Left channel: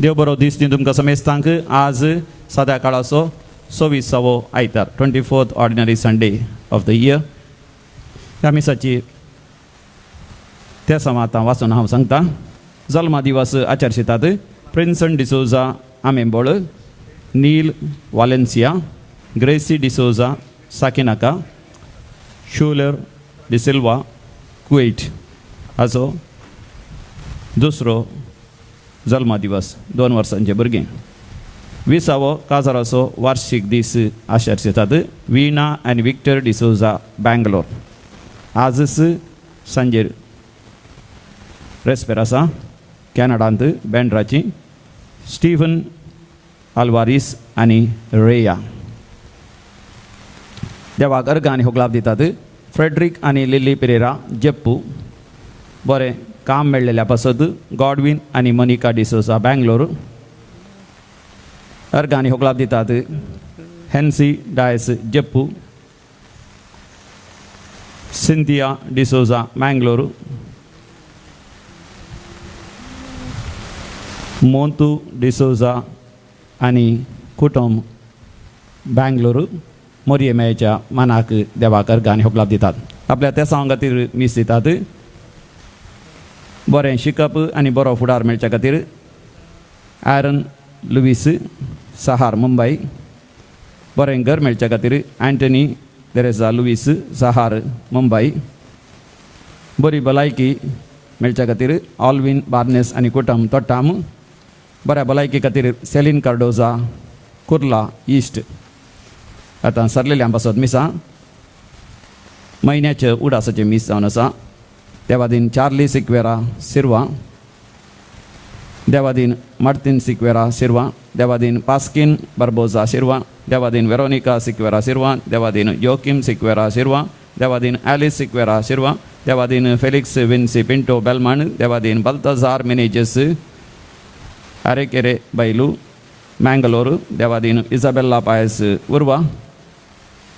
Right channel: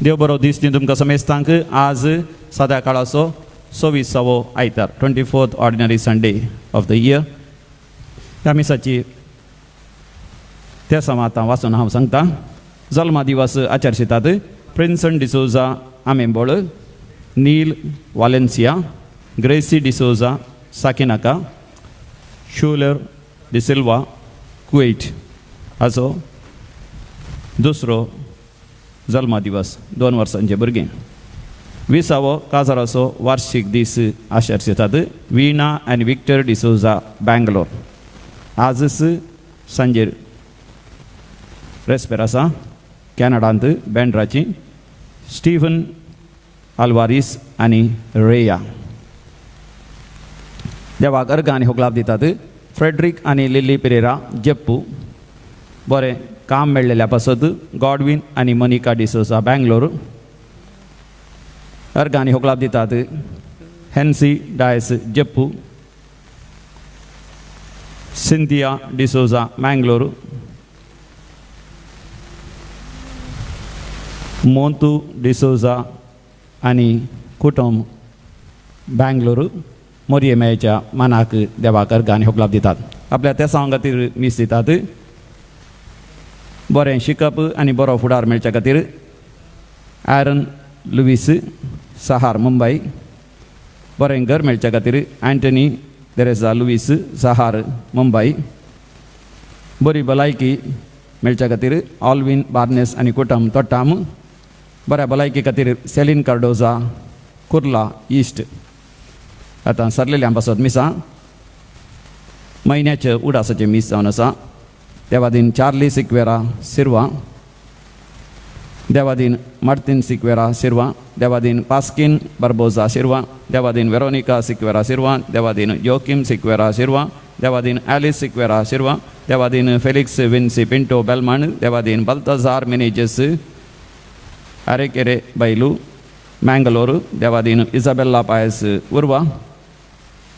देव बरो दीस दी तुमकां समेस्तांक आज सदाकाळाचो 26वो आयतार 24th ordinary Sunday off the year. ह्या मिसाची त्या समातां वाचून हांव सांगता. जल्मा दिवस आचरशितात प्रिन्सन डिसोजा आमेंबोळ, नील वालेन्सिया, ग्रेसी डिसोजा साकिनाका, शूलर डिसिल्वा कुवेट हाचो दुसरो जल्मा दिवस 2 वर्सांचे भुरगीं. 20वो काजाराचो वार्षिक दीस आचरशितात विना आनी विक्टर डिसोजा बँगलोर. आजच सांजेर रेस्पेरासा कॅनडांत बँड्राची स्टीफन आल्वारिस आनी रेया. देवाक अर्घ आनी होगलाप दितात फ्रेडरिक आनी लिली पेरेरा जेप्पू. बरें काम मेळ्ळेल्या पासत गॉडविन आनी मनिका डिसोजा बँगलोर. अर्घ आनी होगलाप दितात हेन्सी डायस जेप्पू, सिंथिया डिसोजा मँगलोर, मोंतू डिसोजा आनी कुटुंब बँगलोर. मोरयेमेच्या मानाक देवाक अर्घ आनी होगलाप दितात. आपल्या त्या सांगा खातीर मीस दितात. बरें शिकप आनी बरो फुडार मेळच्या खातीर ॲरन लुईस सहार मुंबय. बरें घर मेळच्या खातीर अँटनी तेरेसा लुईस सहार मुंबय. बरी भलायकी मेळच्या खातीर ऑल्विन बार्नेस आनी कुटुंब तोट्टाम. बऱ्या भलायकी खातीर सेलीन कार्डोजा कुर्ला ईस्ट. आतां सरलेल्या पासत मिसां म्हयन्याचे उडासाचे मीस जावन आसा. देवादीन चार्ली सिक्वेरा सिर्वा, देवादीन मार्टिन सिक्वेरा सिर्वा, देवादीन पास्किन बार्बोजा सिर्वा, देवादीन वेरोनिका सिक्वेरा सिर्वा, देवादीन योकिम सिक्वेरा सिर्वा, देवादीन ॲलिस सिक्वेरा सिर्वा, देवादीन फेलिक्स विन्सी पिंटो बेलमान, देवादीन बल्तजार मेनेजेस अरेकेरे बैलू मँगलोर, देवादीन इजाबेल्ला पायस उर्वा,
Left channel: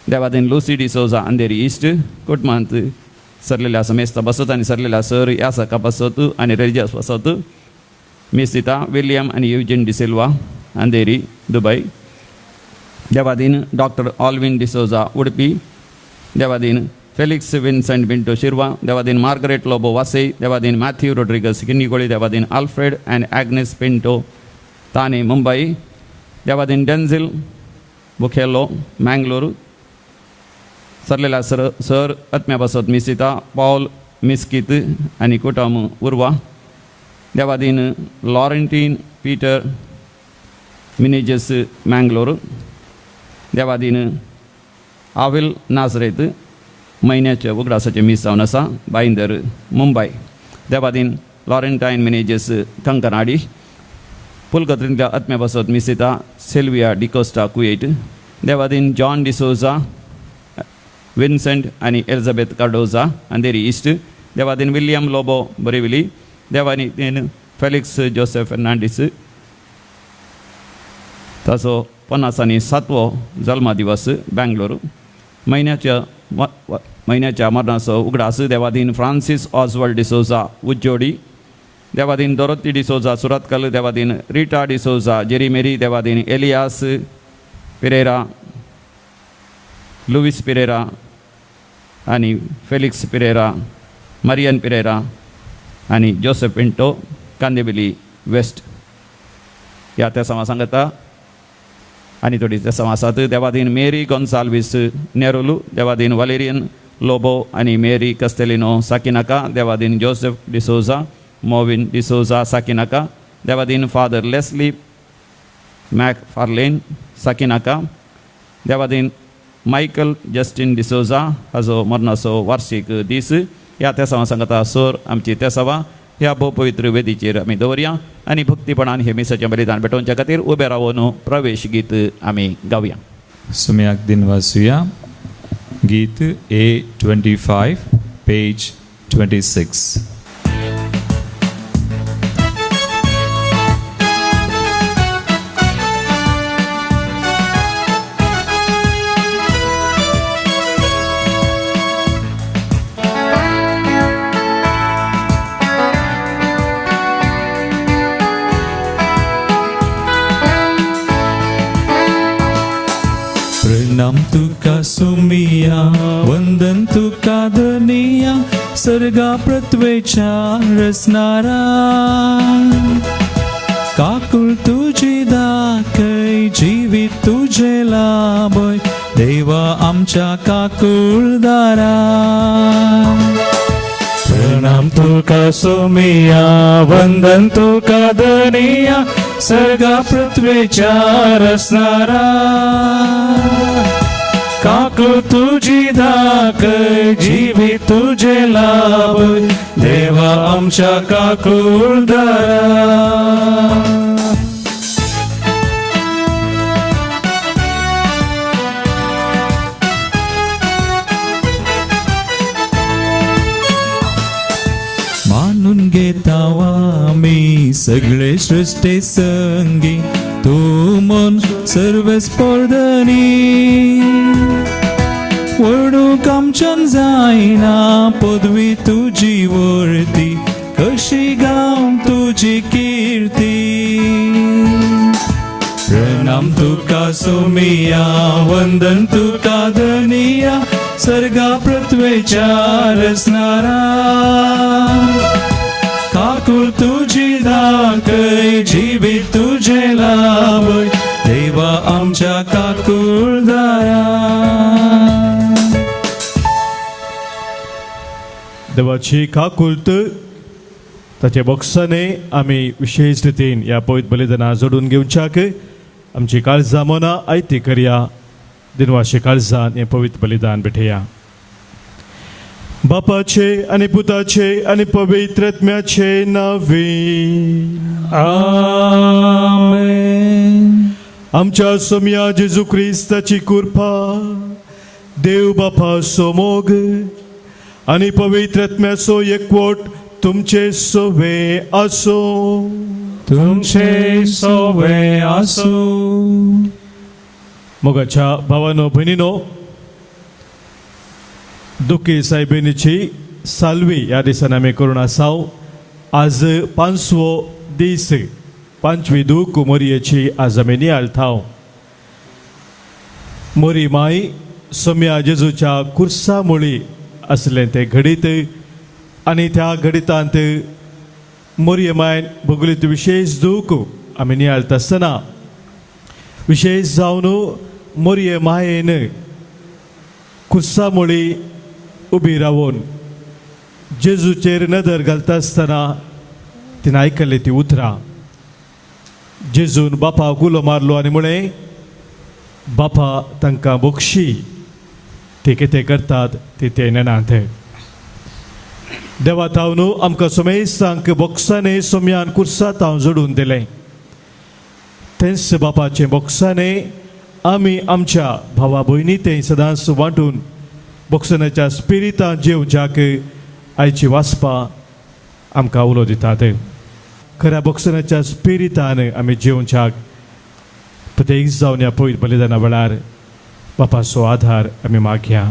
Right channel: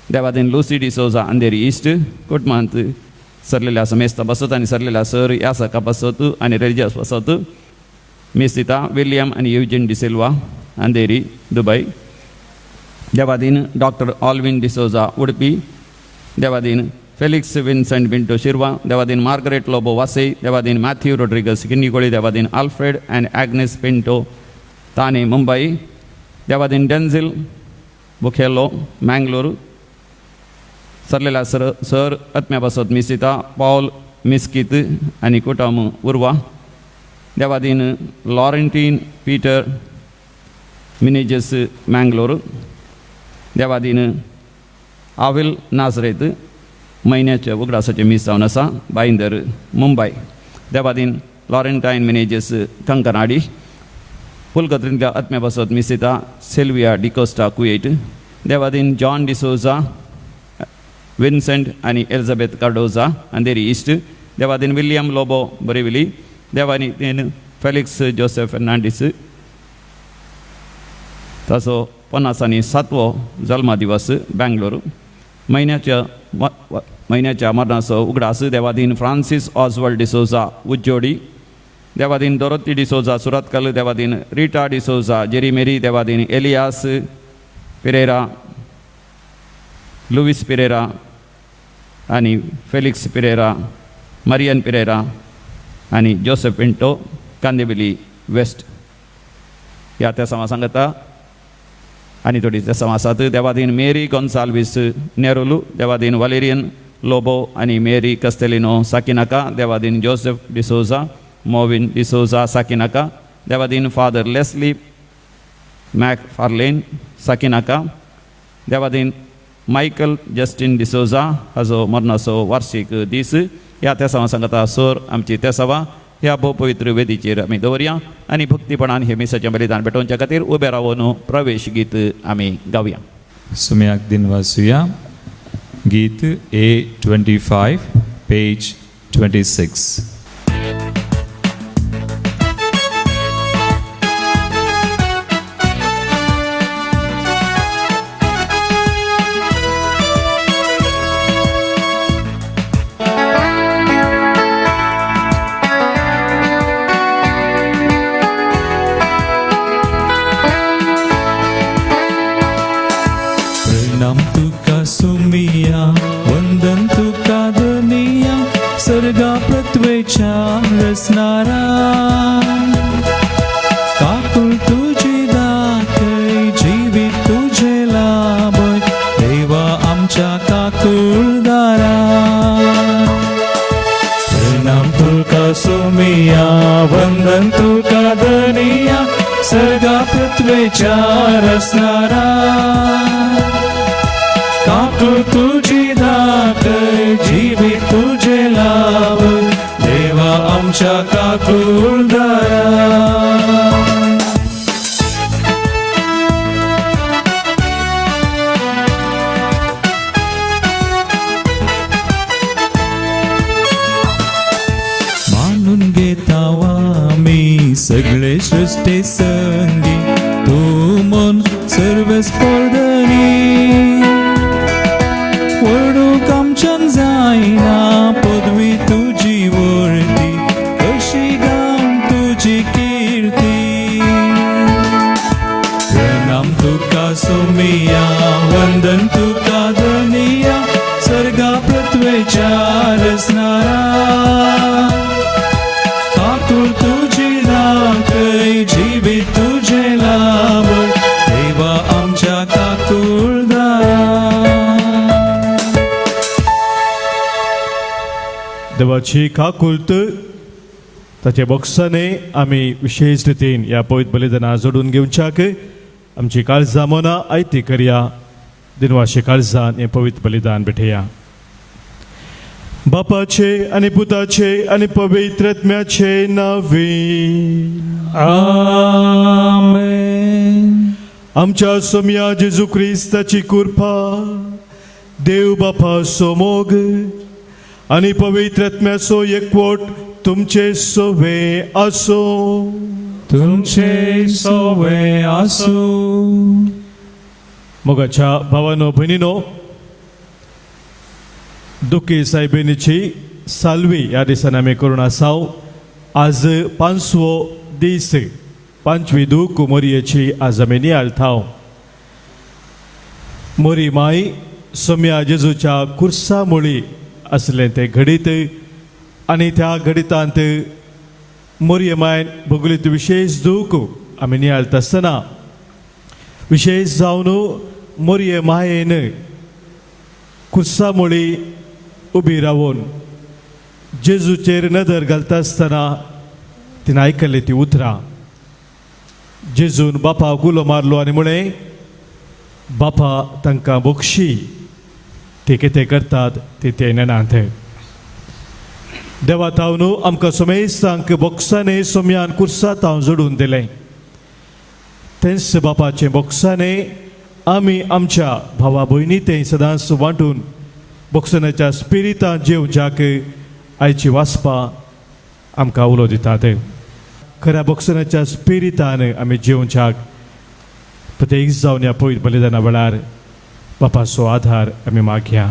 देवादीन लुसी डिसोजा अंधेरी ईस्ट. कुटुंबांत सरलेल्या समेस्त बसत आनी सरलेल्या सर यासका बसत आनी रेलिजियस बसत मीस दिता विलियम आनी युजिन डिसिल्वा अंधेरी दुबय. देवादीन डॉक्टर ऑल्विन डिसोजा उडपी, देवादीन फेलिक्स विन्सेंट पिंटो शिर्वा, देवादीन मार्गरेट लोबो वासे, देवादीन मॅथ्यू रोड्रिगस किनीकोळी, देवादीन आल्फ्रेड अँड ॲग्नेस पिंटो ताने मुंबई, देवादीन डेन्झिल बुखेलो मँगलोर. सरलेल्या सर आत्म्या बसत मिसिता पॉल मिस्कीत आनी कुटुंब उर्वा. देवादीन लॉरेंटीन पीटर मिनेजेस मँगलोर. देवादीन आविल नाझरेत म्हयन्याचे उगडासाचे मीस जावन आसा बाईंदर मुंबय. देवादीन लॉरेंटायन मिनेजेस कंकनाडी. पुलकत्रींतल्या आत्म्या बसत मिसिता सिल्विया डिकोस्टा कुवेट. देवादीन जॉन डिसोजा विन्सेंट आनी एलिझाबेथ कार्डोजा अंधेरी ईस्ट. देवादीन विलियम लोबो बरेविली. देवादीन फेलिक्स जोसेफ फर्नांडीस ताचो 57वो जल्मा दिवस बँगलोर. म्हयन्याच्या मरणाचो उगडास देवादीन फ्रांसीस ऑस्वर्ड डिसोजा उज्जोडी. देवादीन डोरोथी डिसोजा सुरतकल. देवादीन रिटा डिसोजा जेरीमेरी. देवादीन एलियास पेरेरा, लुईस पेरेरा आनी फेलिक्स पेरेरा, मारियन पेरेरा आनी जोसेफ पिंटो कांदेबिली वेस्ट. ह्या त्या समा सांगता आनी थोडी त्या समासात देवादीन मेरी गोन्साल्वीस नेरोलू, देवादीन वालेरियन लोबो आनी मेरी कस्तेलिनो साकिनाका, देवादीन जोसेफ डिसोजा मोविन डिसोजा साकिनाका, देवादीन फादर लेस्ली मॅकफार्लेन साकिनाका, देवादीन मायकल जस्टिन डिसोजा हाचो मरणाचो वार्षिक दीस. ह्या त्या समा सांगता सोर आमची त्या सभा ह्या भोव पवित्र वेदीचेर आमी दवरया आनी भक्तीपणान हे मिसाचें बलिदान पेटोवच्या खातीर उबे रावन प्रवेश गीत आमी गावया. सुम्याक दिन वाचूया. गीत A25 पेज 26. वंदन तुका धनिया सगळा पृथ्वीच्या रचणारा काकू तुझी दाक जीवी तुझे लाभ देवा आमच्या काकूर दया मानून घेतावा मी सगळे सृष्टी संगी तू मन सर्व स्पर्धनी वडूक आमच्यान जायना पदवी तुझी वरती कशी गाम तुझी कीर्ती प्रणाम तुका सुमिया वंदन तुका धनिया सर्गा पृथ्वीच्या रचणारा काकूर तुझी दाखय जीवित तुझे लाभ देवा आमच्या काकूर देवाची काकुलत ताचे बोक्साने आम्ही विशेष रितीन या पवित्र बलिदाना जोडून घेवच्याक आमची काळजां मना आयती करया दिनवाशी काळजान हे पवित्र बलिदान भेटया बापाचे आणि पुताचे आणि पवित्र आत्म्याचे नावे आमेन आमच्या सोम्या जेजू ख्रिस्ताची कृपा देव बापाचो मोग आणि पवित्र आत्म्याचो एकवट तुमचे सोबे आसो तुमचे सोवे आसो मोगाच्या भावानो भयणीनो दुखी साहेबीची सालवी या दिसान आम्ही करून आसाव आज 5वो दीस 5वी दूख मोरयेची आज आम्ही नियाळताव मोरी माई सोम्या जेजूच्या कुर्सा मुळी असले ते घडीत आणि त्या घडितांत मोरये मायन भोगलीत विशेष दूख आम्ही नियाळत आसतना विशेष जावन मोरये मायेन कुर्सा मुळी उभी रावून जेजूचेर नदर घालता आसतना तिने आयकले ती उतरां जेजून बापा गुलो मारलो आणि म्हणे बापा तांकां बक्षी ते कितें करतात ते नेनात देवा तावनू आमकां सोमेस्तांक बोक्साने सोम्यान कुर्सात हांव जोडून दिलें तेच बापाचे बोक्साने आमी आमच्या भावा भयणी ते सदांच वांटून बोक्सानाच्या स्पिरितान जेवच्याक आयची वासपा आमकां उलो दितात खऱ्या बोक्सानाच्या स्पिरितान आमी जेवच्याक प्रत्येक जावन ह्या पवित्र बलिदाना वेळार बापाचो आधार आमी मागया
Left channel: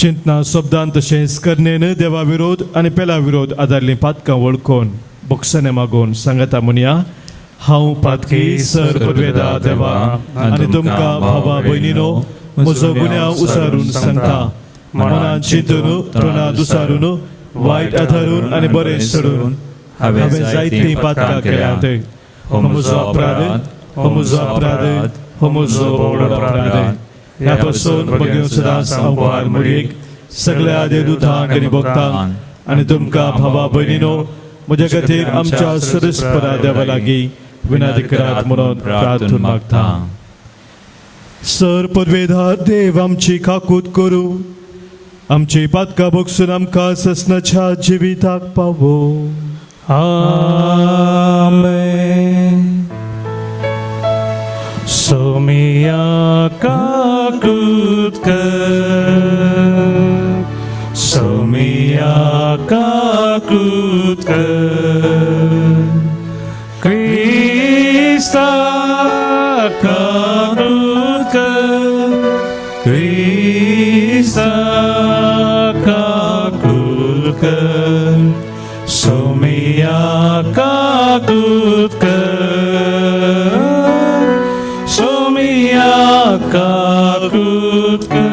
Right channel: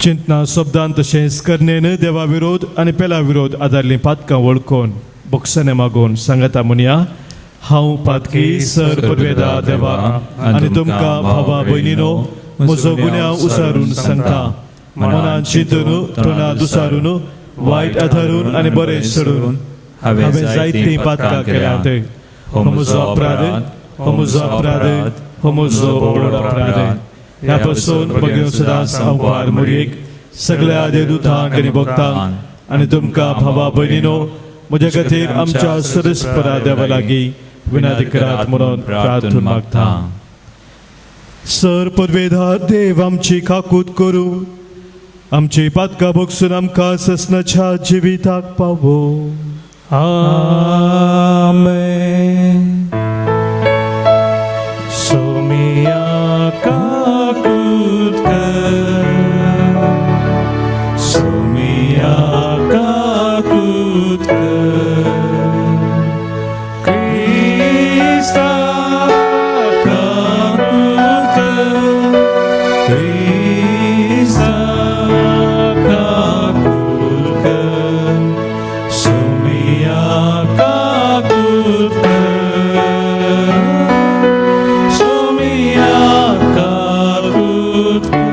चिंतना शब्दान तशेंच करणेन देवा विरोध आनी पेला विरोध आदारली पातकां वळखून बोक्साने मागून सांगता म्हणया हांव पातकी सर्ववेदा देवा आनी तुमकां भावा भयणीनो म्हजो गुन्यांव उसारून सांगता मनांत चिंतून तोंडांत उसारून वायट आदारून आनी बरें सोडून हांवें जायतीं पातकां केल्यात हो म्हजो अपराध हो म्हजो अपराध हो म्हजो व्हड अपराध ह्या पासून म्हगे सदांच आव्हान म्हणीक सगळ्या देवदूतांक आनी भक्तांक आनी तुमकां भावा भयणीनो म्हजे खातीर आमच्या सरस्परा देवा लागीं विनंती करात म्हणून प्रार्थना मागता सर पदवेदार देव आमची काकूत करूं आमची पातकां भोगसून आमकां ससनाच्या जिविताक पावो आमेन सोमिया काकूत कर सोमिया काकूत कर क्रिस्ता काकूत कर क्रिस्ता काकूत कर सोमिया काकूत कर सोमिया काकूत कर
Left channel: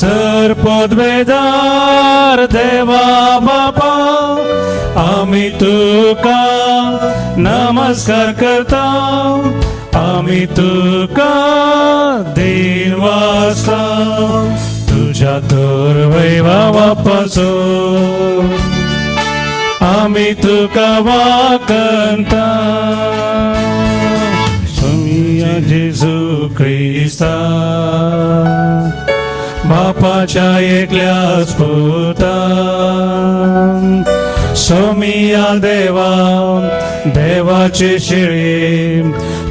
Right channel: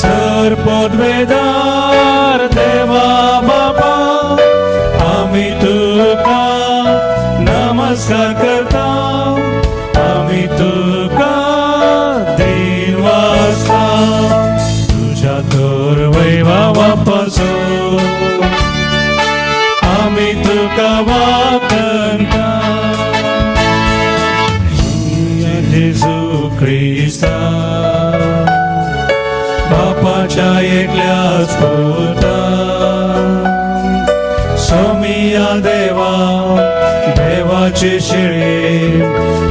सरपदवेदार देवा बापा आम्ही तुका नमस्कार करता आम्ही तुका देवासा तुझ्या दुर्वैभवापासो आम्ही तुका वाकणता जेजू ख्रिस्ता बापाच्या एकल्याच पुता सोमिया देवा देवाचे शिळे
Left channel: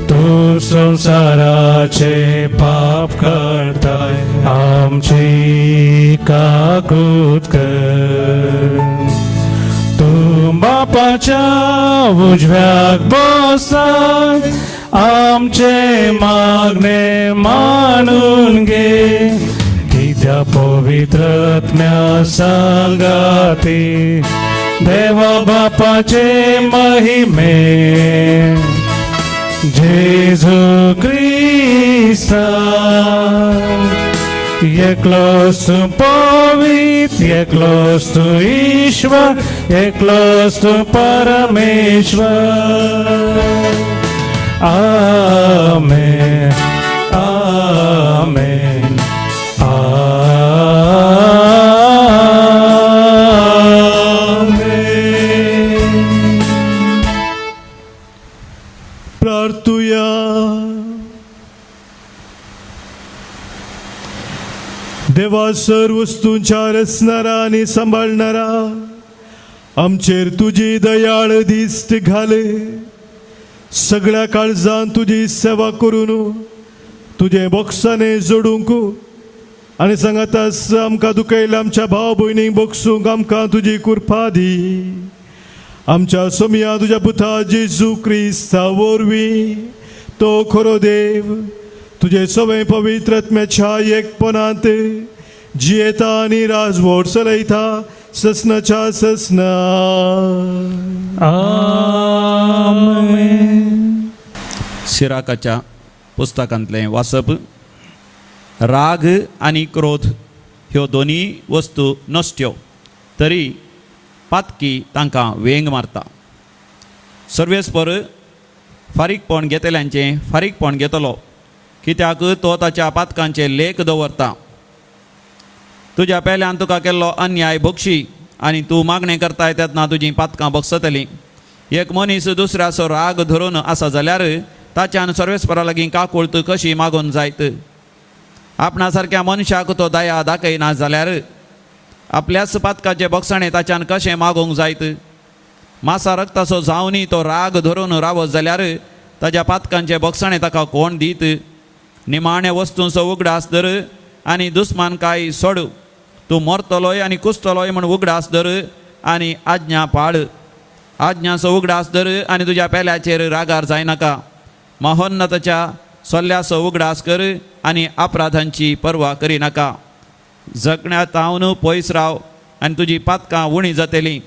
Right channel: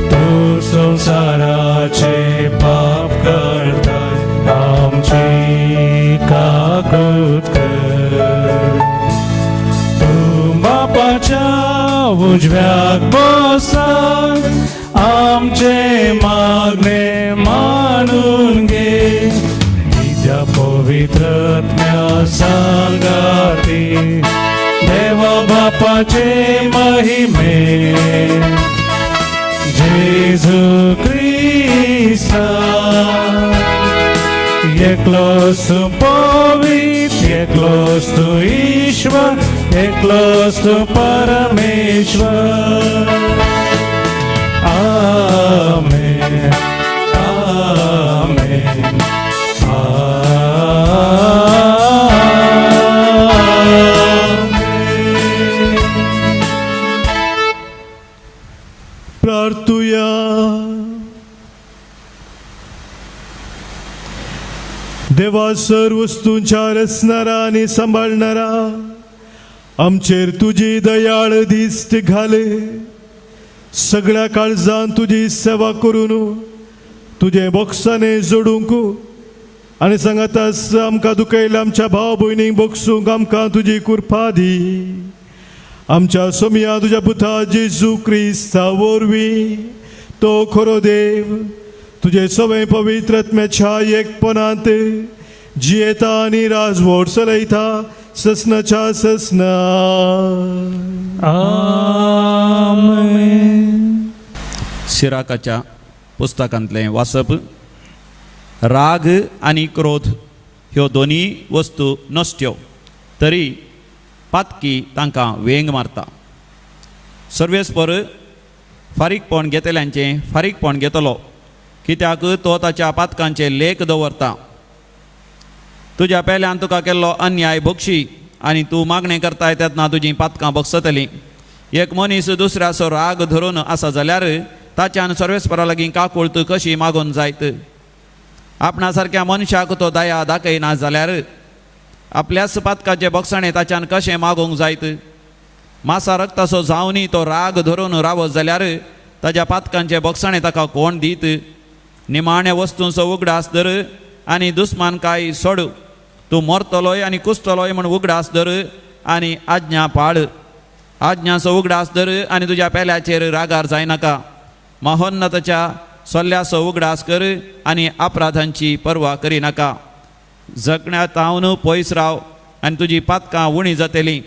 तू संसाराचे पाप करताय आमची काकृत कर तू बापाच्या उजव्यात बसाय आमचे मागणे मानून घे त्या पवित्रत्म्या सांगाते देवा बापाचे महिमे जेजू ख्रिस्ता एकलोस तू पवित्र एकलोस तू ईश्वर एकलोस तू परमेश्वर आमेन आमेन प्रार्थूया. देवा सर्व वस्तूंच्या रचणारा आणि सांभाळणारा आमचेर तुझी दयाळ दिश्ट घाले सगळ्या काळजान तुझी सेवा करून तुझे बोक्साने जोडूंक आणि सांगत आमकां दुखयल्या आमच्या भाव भयणीक बोगसूंक आमकां तुजी कृपा दी आमच्या सोमिया तुझ्या पुता जेजू क्रिस्ता वरवीं तो खरो देव तुझे सगळे पवित्र आत्म्याच्या एकपणांत जियेता आणि राजवट चलयता ससनाच्या ससना आमेन. सिराकाच्या पुस्तकांतले वाचप राग आणि क्रोध ह्यो दोन्ही वस्तू नसत्यो तरी पातकी तांकां वेंग मारता सर्वेस्पर फारीकपण घेतल्यांचे फारीकपण घेतलो कित्याक तो ताच्या पातकांचे लेख दवरता तुज्या पेल्यान तुका केल्लो अन्याय भोगशी आनी तूं मागणें करताय तेन्ना तुजीं पातकां भोगसतलीं एक मनीस दुसऱ्याचो राग धरून आसा जाल्यार ताच्यान सर्वेस्परा लागीं काकुळट कशी मागोवन जायत आपणा सारक्या मनशाक तो दया दाखयना जाल्यार आपल्याच पातकाचे भोगसणे ताच्यान कशें मागोवंक जायत मासा रक्ताचो जावनी तो राग धरून रावत जाल्यार ताच्या पातकांचे भोगसणे ताका कोण दीत निमाणे वस्तूंचो उगडास धर आनी दुस्मानकाय सोड तूं मरतलोय आनी कुसतलोय म्हण उगडास धर आनी आज्ञा पाळ आज्ञाचो उगडास धर आनी तुज्या पेल्याचेर रागार जायनाका महोन्नताच्या सल्ल्याचो उगडास कर आनी अपराधांची पर्वा करिनाका जगण्यात तावन पयस राव आनी तुजी पातकां उणी जातलीं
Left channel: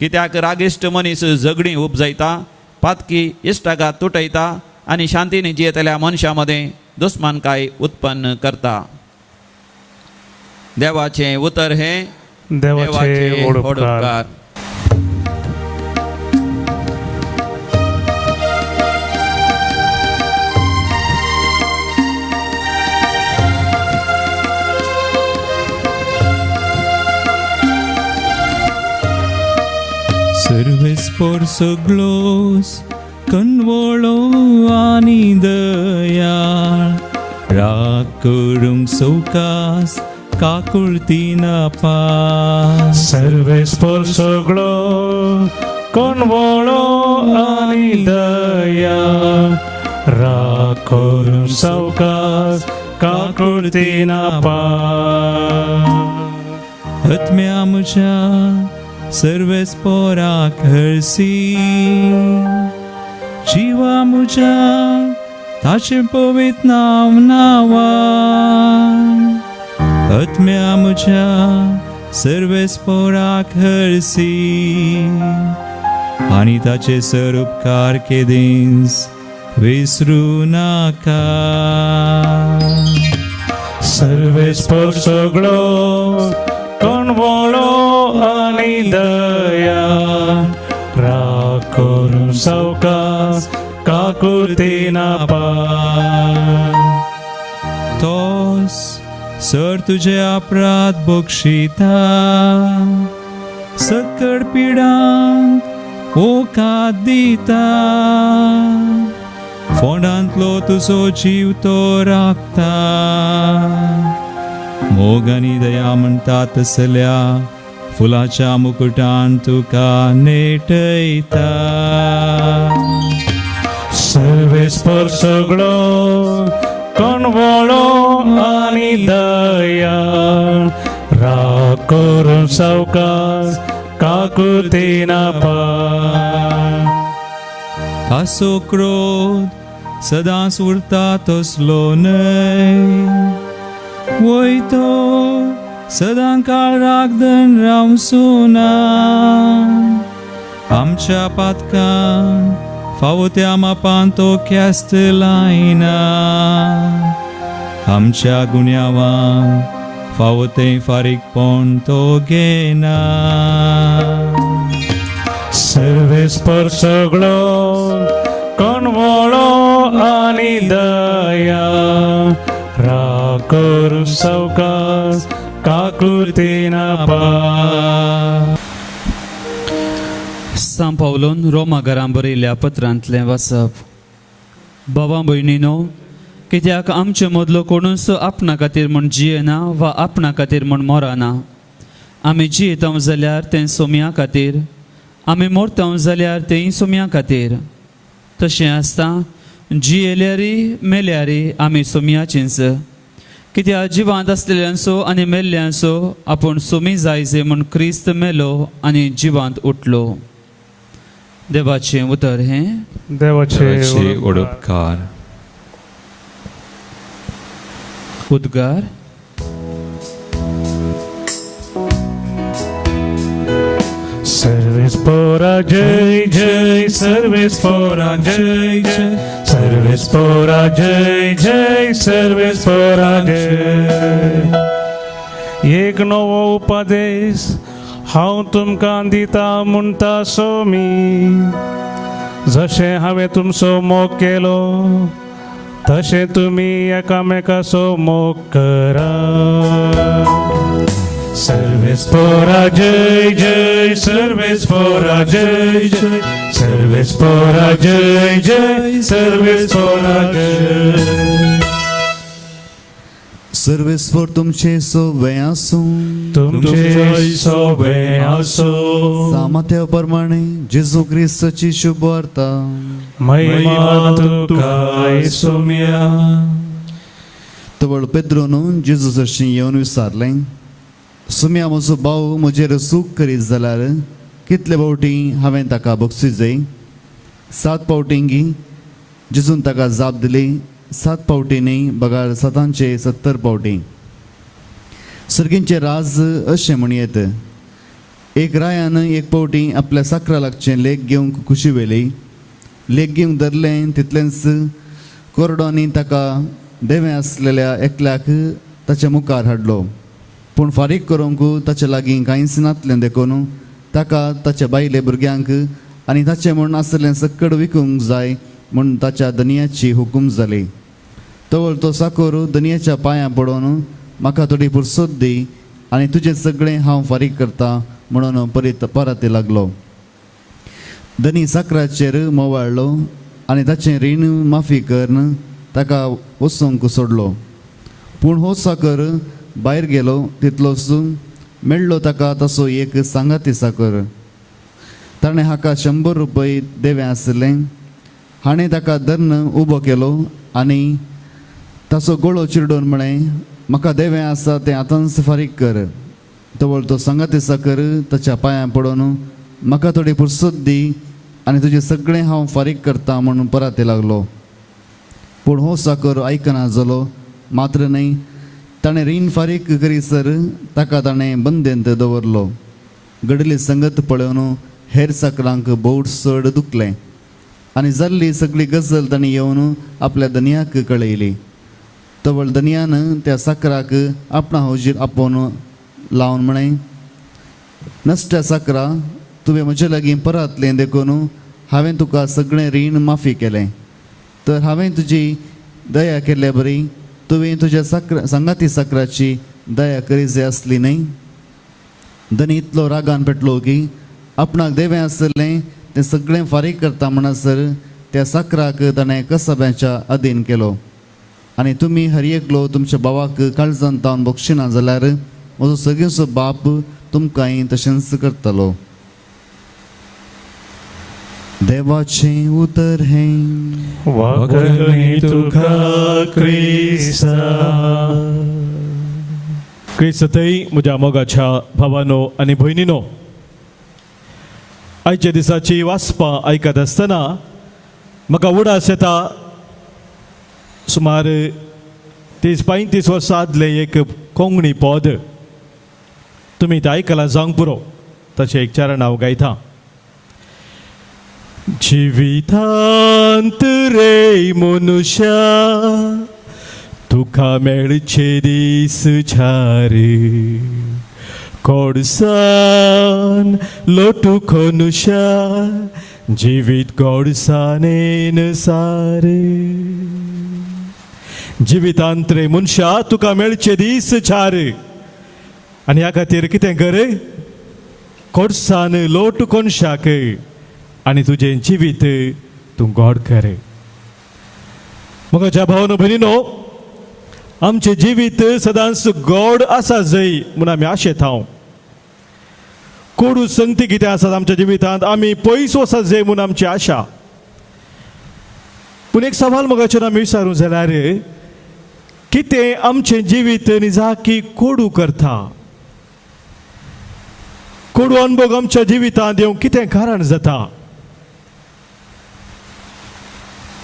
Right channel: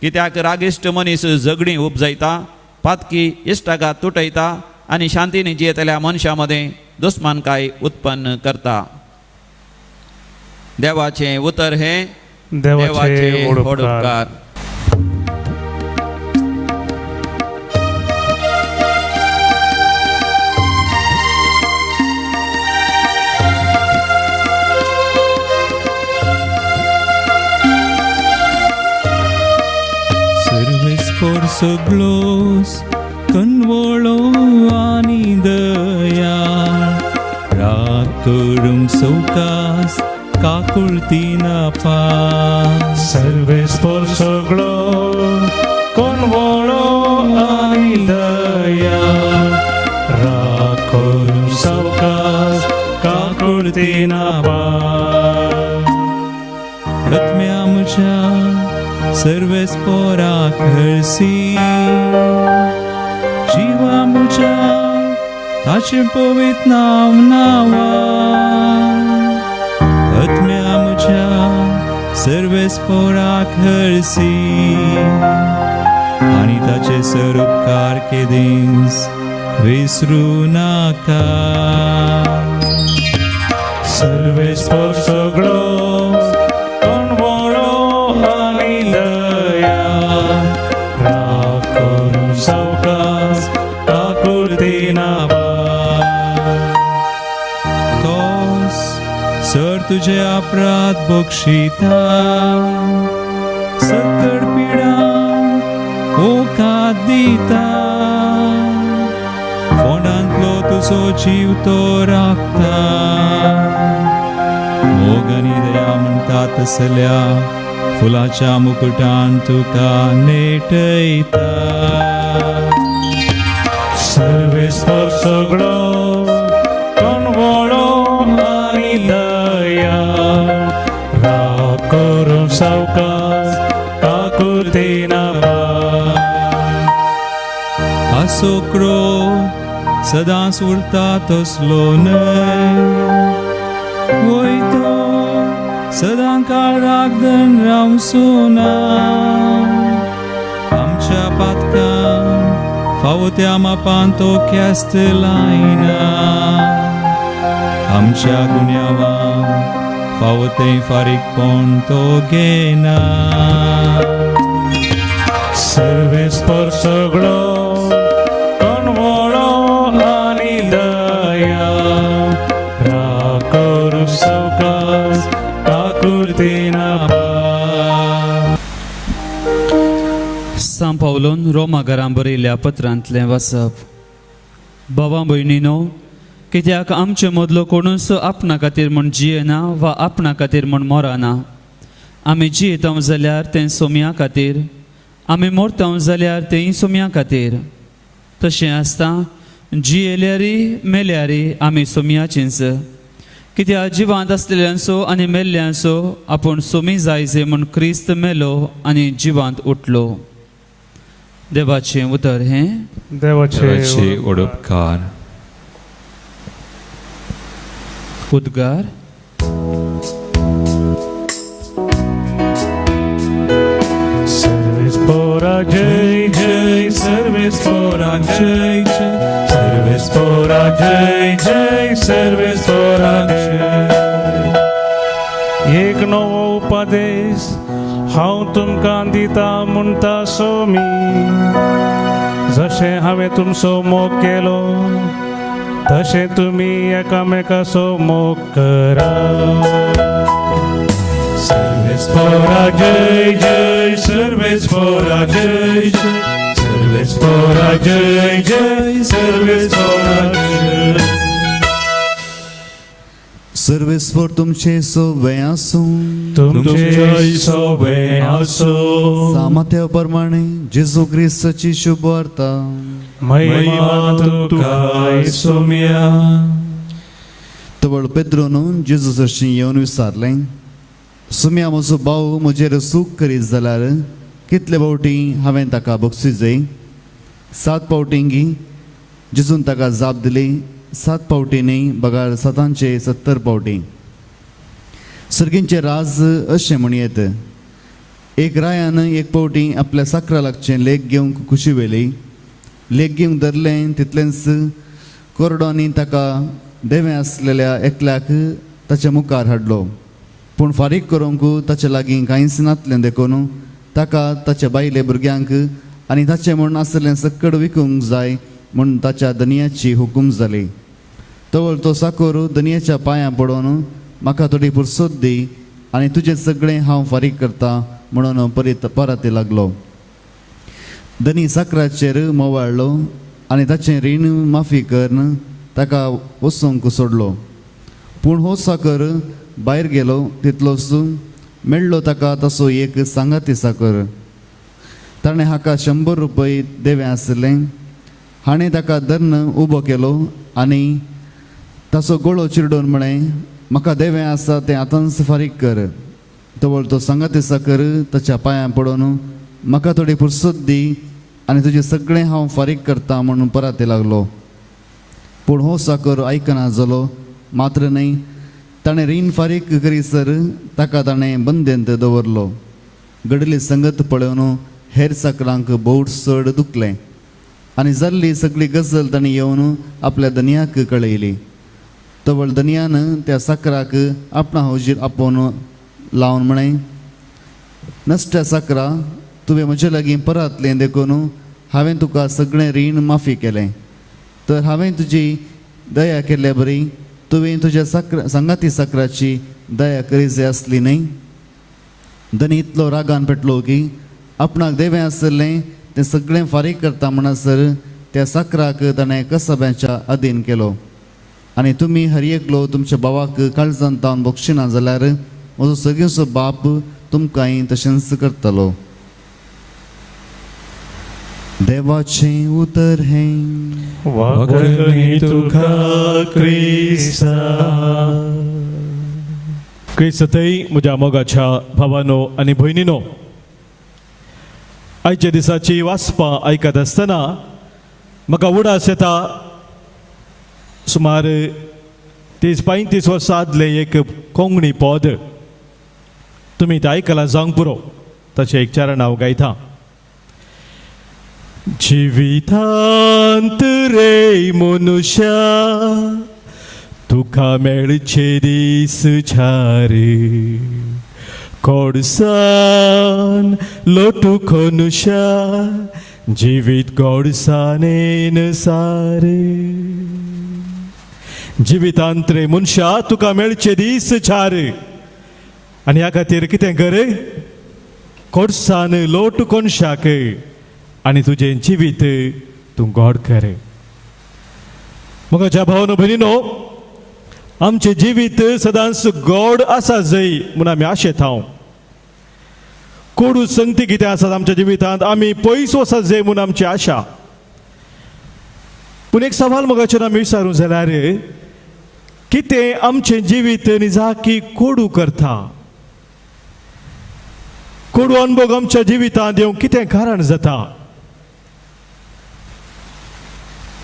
कित्याक रागिश्ट मनीस झगडी उपजयता पातकी इश्टागात तुटयता आनी शांतीने जियेतल्या मनशा मदें दुस्मानकाय उत्पन्न करता देवाचे उतर हे देवाचे ओडकार. Suglos convolo ani dayal prakurum sukas kakultina pas सर्वेस्पर सगळो कोणवळो आणि दया राखोर सवकास काकुळतीना आत्म्या मुझ्या सर्वेस्पोराक हरसी जीवा मुझ्या ताचे पवित्र नाव नावा आत्म्या मुझ्या सर्वेस्पोराक हरसी आणि ताचे सरोपकार केदीस विसरू नाका सर्वेस्पर सगळो कणवळो आनी दया राखून सावकाश काकुळतेना तोस सर तुझे अपराध बक्षिता सकड पिडा ओकात दिता फोंडांतलो तुजो जीव तो राखता मोगानी दया म्हणटा तसल्या फुलाच्या मुकुटान तुका नेटयता सर्वेस्पर सगळो कणवळो आनी दया राखून सावकाश काकुळतेना हासो क्रोध सदांच उरता तसलो न्हय वयतो सदां काळाक धन रावचो ना आमच्या पातकां फावो त्या मापान तो ख्यास्त लायना आमच्या गुन्यांवां फावो तें फारीकपण तो घेना सर्वेस्पर सगळो कणवळो आनी दया राखून सावकाश काकुळतेना सांत पावलोन रोमाकारांक बरयल्ल्या पत्रांतलें वाचप. भावां भयणीनो, कित्याक आमचे मदलो कोणूच आपणा खातीर म्हूण जियेना वा आपणा खातीर म्हूण मरना. आमी जियेता जाल्यार तें सोम्या खातीर, आमी मरता जाल्यार तें सोम्या खातीर. तशें आसता जियेल्यारी मेल्यारी आमी सोम्याचींच. कित्याक जिवांत आसलेल्यांचो आनी मेल्ल्यांचो आपूण सोमी जायचे म्हूण क्रिस्त मेलो आनी जिवांत उठलो. देवाचें उतर हें देवाचे उडोपकार उद्गार. सर्वेस्परा जय जय सर्वेस्परा जय जय सर्वेस्परा जय जय सर्वेस्परा जय. एक नवो उपदेश हांव तुमकां दिता म्हणटा स्वामी, जशें हांवें तुमचो मोग केलो तशें तुमी एकामेकाचो मोग करा. सर्वेस्परा जय जय सर्वेस्परा जय जय सर्वेस्परा जय जय सर्वेस्परा जय. सर्वेस्पर तुमचे सोबे आसूं, तुमचे सोबे आसो. सामर्थ्या प्रमाणे जेजू ख्रिस्ताची शुभ वार्ता महिमा तुका सोम्या. तवळ पेद्रोन जेजू जशी येवन विचारलें, सुम्या म्हजो भाव म्हजेर सूख करीत जाल्यार कितले फावटी हांवें ताका बक्षीस जाय? 7 फावटींगी. जेजून ताका जाप दिली, 7 फावटी न्ही बगार 70 फावटी. सर्गींचे राज अशें म्हणयत, एक रायान एक फावटी आपल्या साकरा लागचें लेख घेवंक खुशी वेली. लेख घेवंक धरलें तितलेंच कोरडोनी ताका देवे आसलेल्या एकल्याक ताच्या मुखार हाडलो. पूण फारीक करूंक ताचे लागीं कांयच नासलें देखून ताका ताच्या बायले भुरग्यांक आनी ताचें म्हूण आसलें सकड विकूंक जाय म्हूण ताच्या धनियाची हुकूम जाली. तवळ तो साकोर धनियाच्या पांयां पडोन, म्हाका थोडी फुरसत दी आनी तुजें सगळें हांव फारीक करता म्हणून परत लागलो. धनी साकराचेर मोवाळ्ळो आनी ताचें रीण माफी करन ताका वचूंक सोडलो. पूण हो साकर भायर गेलो तितलोच मेळ्ळो ताका ताचो एक सांगाती साकर. ताणें हाका 100 रुपये देवें आसलें. हाणें ताका धरन उबो केलो आनी ताचो गोळो चिरडून म्हळें, म्हाका देवें आसा तें आतांच फारीक कर. तवळ तो सांगाती साकर ताच्या पांयां पडोन, म्हाका थोडी फुरसत दी आनी तुजें सगळें हांव फारीक करता म्हणून परत लागलो. पूण हो साकर आयकना जालो. मात्र न्ही, ताणें रीण फारीक करीसर ताका ताणें बंदेंत दवरलो. घडली संगत पळोवन हेर साकरांक बहुत चड दुखलें आनी जाल्ली सगळी गजाल तांणी येवन आपल्या धन्याक कळयली. तवळ दनयान त्या साकराक आपणा हौजीर आपोवन लावन म्हणे नसत्या साकरा तुवें म्हजे लागीं परतलें देखून हांवें तुका सगळें रीण माफी केलें तर हांवें तुजी दया केल्या बरी तुवें तुज्या सांगाती साकराची दया करी जाय आसली न्ही धनी इतलो रागान पेटलो की आपणाक देवें आसलें तें सगळें फारीक करता म्हणसर त्या साकराक ताणें कसब्याच्या अधीन केलो आनी तुमी हर एकलो तुमच्या भावाक काळजान तावन बक्षिना जाल्यार म्हजो सगळेचो बाप तुमकांय तशेंच करतलो देवाचें उतर हें वागणी तुका क्रिस्ता क्रिस्तय म्हज्या मोगाच्या भावानो आनी भयणीनो आयच्या दिसाची वाचपां आयकत आसतना म्हाका उडास येता सुमार 30-35 वर्सां आदले एक कोंकणी पद तुमी तें आयकलां जावंक पुरो ताचें एक चरण हांव गायता जिवितांत रे मनुष्या तुका मेळचे दीस छारे कोडसान लोटू कोनुशा जिवीत गोडसानेन सारे जिवितांत रे मनशा तुका मेळचे दीस छारे आनी ह्या खातीर कितें कर कोडसान लोट कोनशाक आनी तुजें जिवीत तूं गोड कर म्हज्या भावानो भयणीनो आमचें जिवीत सदांच गोड आसा जाय म्हूण आमी आशेत हांव कोडू संगती कितें आसात आमच्या जिवितांत आमी पयस वचत जाय म्हूण आमची आशा पूण एक सवाल मोगाचेर आमी विचारूं जाल्यार कितें आमचें जिवीत निजाकी कोडू करता कोडू अनुभव आमच्या जिवितांत येवंक कितें कारण जाता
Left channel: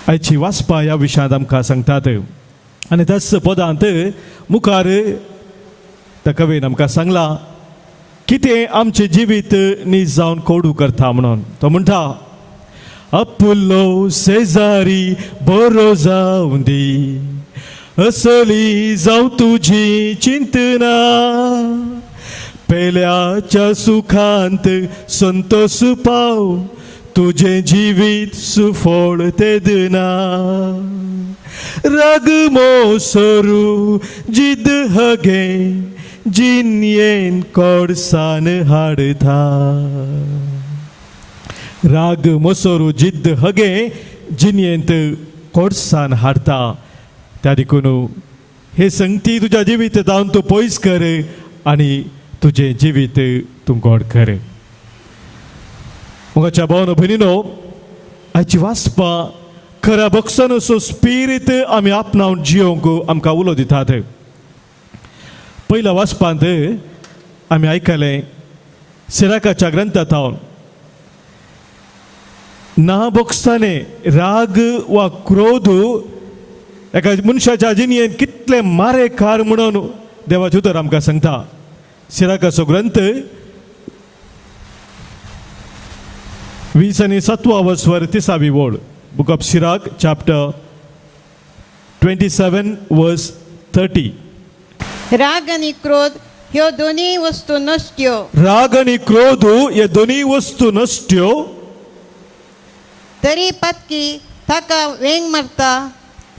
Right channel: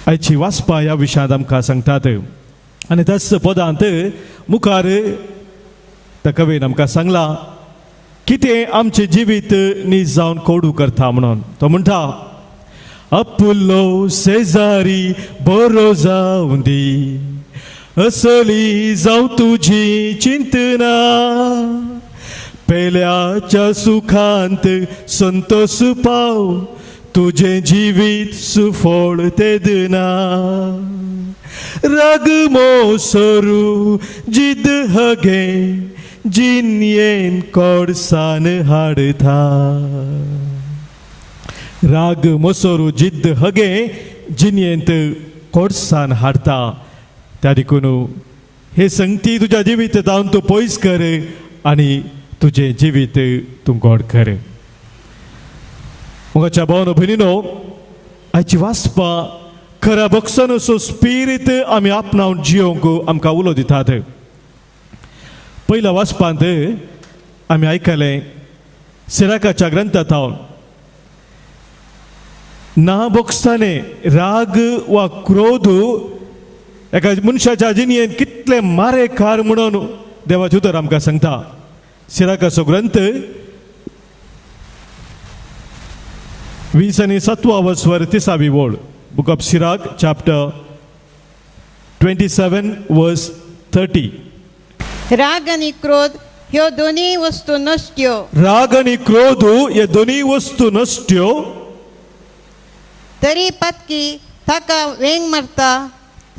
आयची वाचपा ह्या विशयांत आमकां सांगतात आनी त्याच पदांत मुखार त्या कवेन आमकां सांगला कितें आमचें जिवीत नीज जावन कोडू करता म्हणून तो म्हणटा अपुल्लो शेजारी बरो जावं दी असली जावं तुजी चिंतना पेल्याच्या सुखांत संतोष पाव तुझे जिवीत सुफोळ तेदना राग मोसरू जिद हगे जिन्येन कोडसान हाडता राग मोसरू जिद्द हगे जिन्येंत कोडसान हाडता त्या देखून हे संगती तुझ्या जिवीत जावन तूं पयस कर आनी तुझे जिवीत तूं गोड कर मोगाच्या भावानो भयणीनो आयची वाचपा खरा भक्सन असो स्पिरीट आमी आपणावन जियोंक आमकां उलो दितात पयल्या वाचपांत आमी आयकलें सिराकाच्या ग्रंथांत ना भोगसताने राग वा क्रोध एका मनशाच्या जिणेंत कितले मारेकार म्हणून देवाचे उतर आमकां सांगता सिराकाचो ग्रंथ 27 वर्सवर 30 वोड बुक ऑफ सिराक चॅप्टर 27 वर्स 30 राग आणि क्रोध ह्यो दोन्ही वस्तू नश्ट्यो राग आणि क्रोध हे दोन्ही वस्तू नश्ट्यो तरी पत्की ताका वेंग मारता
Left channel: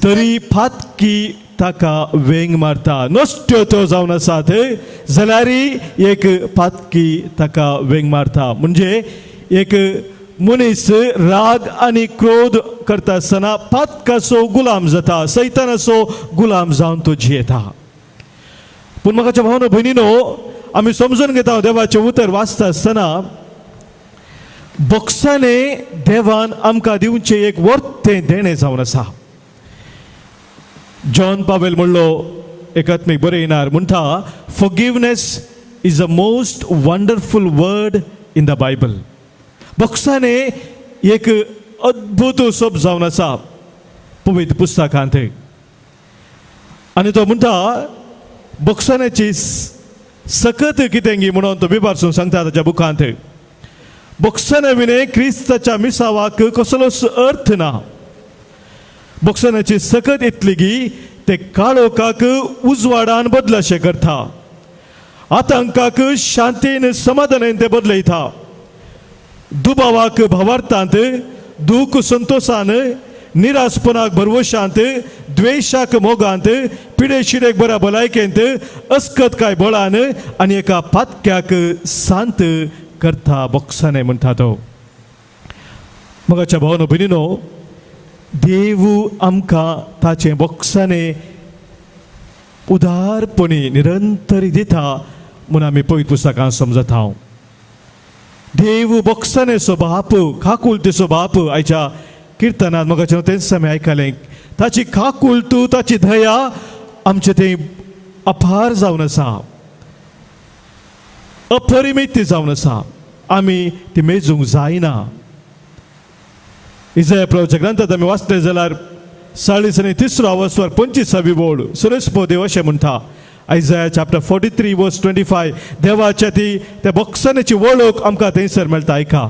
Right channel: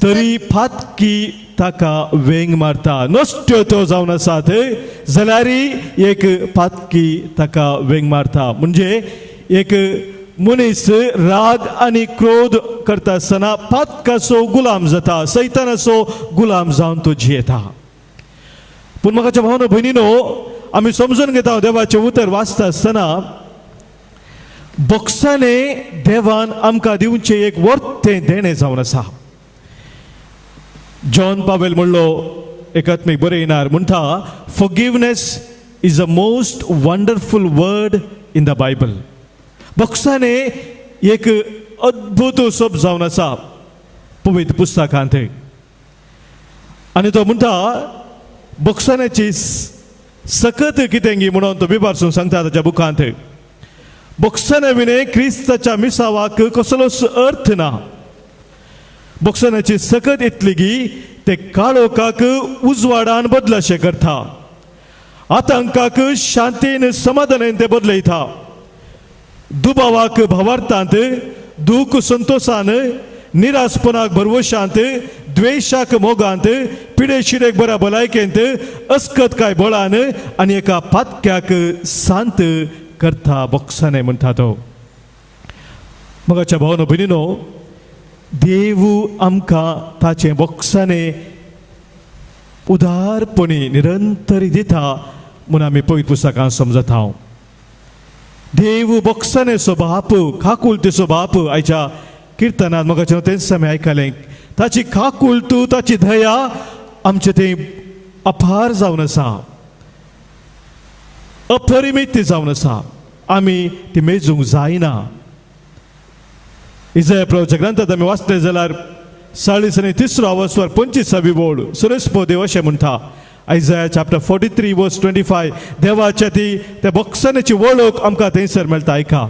तरी फातकी ताका वेंग मारता नश्ट्यो त्यो जावन आसात जाल्यार एक फातकी ताका वेंग मारता म्हणजे एक मनीस राग आणि क्रोध करता आसतना फातकाचो गुलाम जाता सैतानाचो गुलाम जावन तो जियेता पूण म्हाकाच्या भावनो भयणीनो आमी समजून घेता देवाचें उतर वाचता आसतना भोगसणे देवान आमकां दिवचें एक वर्तें देणें जावन आसा जॉन पावेल म्हणलो एकात्मीक बरयणार म्हणटा forgiveness is the most wonderful word in the Bible भोगसणे एक अद्भुत शब्द जावन आसा पवित्र पुस्तकांत आनी तो म्हणटा भोगसण्याची सकत कितें गी म्हणून तो बिबारसून सांगता ताच्या बुकांत भोगसणे विणे क्रिस्ताच्या मिसावाक कसलोच अर्थ ना भोगसण्याची सकत इतली की ते काळोखाक उजवाडान बदलशे करता आतंकाक शांतीन समाधानान ते बदलयता दुबावाक भावार्थांत दूख संतोषान निराशपणाक भरवशांत द्वेषाक मोगांत पिडेशिरेक बऱ्या भलायकेंत अस्कत काय बळान आनी एका पातक्याक शांत करता बोक्साने म्हणटा तो मगाच्या भावनो भयणीनो देव आमकां ताचे बोक्साने उदारपणे निरंतर दिता म्हणून आमी पवित्र पुस्तकांत समजत हांव देव बोक्साने सो बाप काकुलतेचो बाप आयच्या किर्तनात मगाच्या तेच आमी आयकलें ताची काकुलत ताची दया आमचे ते अपार जावन आसा अपरिमित जावन आसा आमी ती मेजूंक जायना इसाया प्रभूच्या ग्रंथात आमी वाचले जाल्यार 40 आनी 3 अवस्वर 25 बोड सुरेस्पोदेव अशें म्हणटा Isaiah chapter 43 verse 25 देवाच्या ती त्या बोक्सानेची वळख आमकां थंयसर मेळटा आयका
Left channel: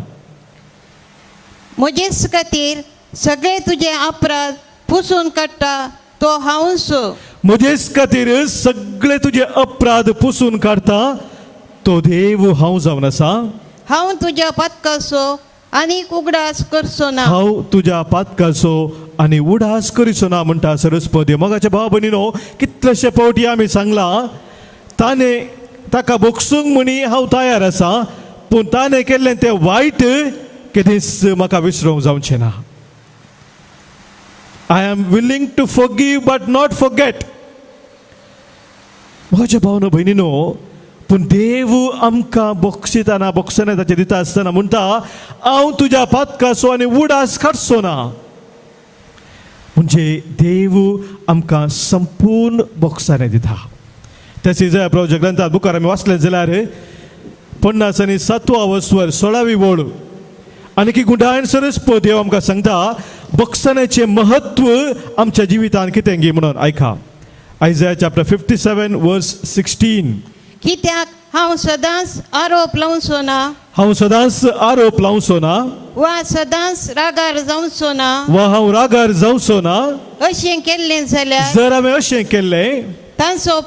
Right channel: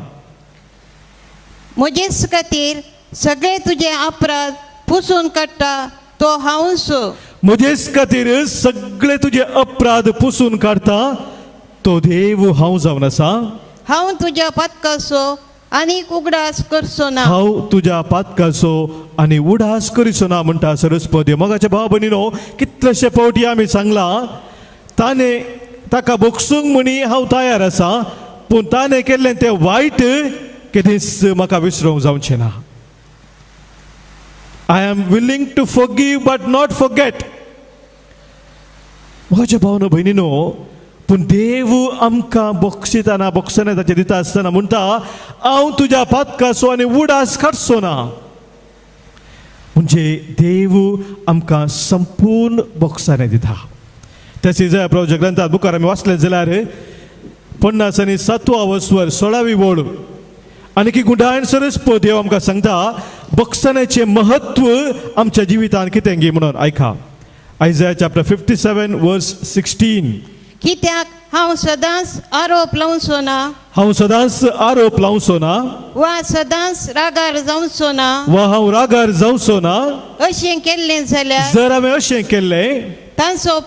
म्हजेच खातीर सगळे तुझे अपराध पुसून काडटा तो हांवूच म्हजेच खातीर सगळे तुझे अपराध पुसून काडटा तो देव हांव जावन आसा हांव तुज्या पातकाचो आनीक उगडास करचो ना हांव तुज्या पातकाचो आनी उडास करिचो ना म्हणटा सरस्वती मगाच्या भाव भयणीनो कितलेशे फावटी आमी सांगला ताणे ताका बोगसूंक म्हणी हांव तयार आसा पूण ताणे केल्लें तें वायट केदींच म्हाका विसरूंक जावचें ना I am willing to forgive but not forget म्हज्या भावनो भयणीनो पूण देव आमकां बोगसिताना बोगसाने ताचे दिता आसतना म्हणटा हांव तुज्या पातकाचो आनी उडास काडचो ना म्हणजे देव आमकां संपूर्ण बोगसाने दिता तेच इसाया प्रभूच्या ग्रंथात मुखार आमी वाचले जाल्यार 50 आनी 7 अवस्वर 16 बोड आनी की गुंडायन सरस्वती देव आमकां सांगता बोगसानेचें महत्व आमच्या जिवितांत कितें गे म्हणून आयका Isaiah chapter 57 verse 16 कित्याक हांव सदांच आरोप लावचो ना हांव सदांच आरोप लावचो ना वा सदांच रागार जावचो ना वा हांव रागार जावचो ना अशें केल्लें जाल्यार जर हांवें अशें केल्लें तांचो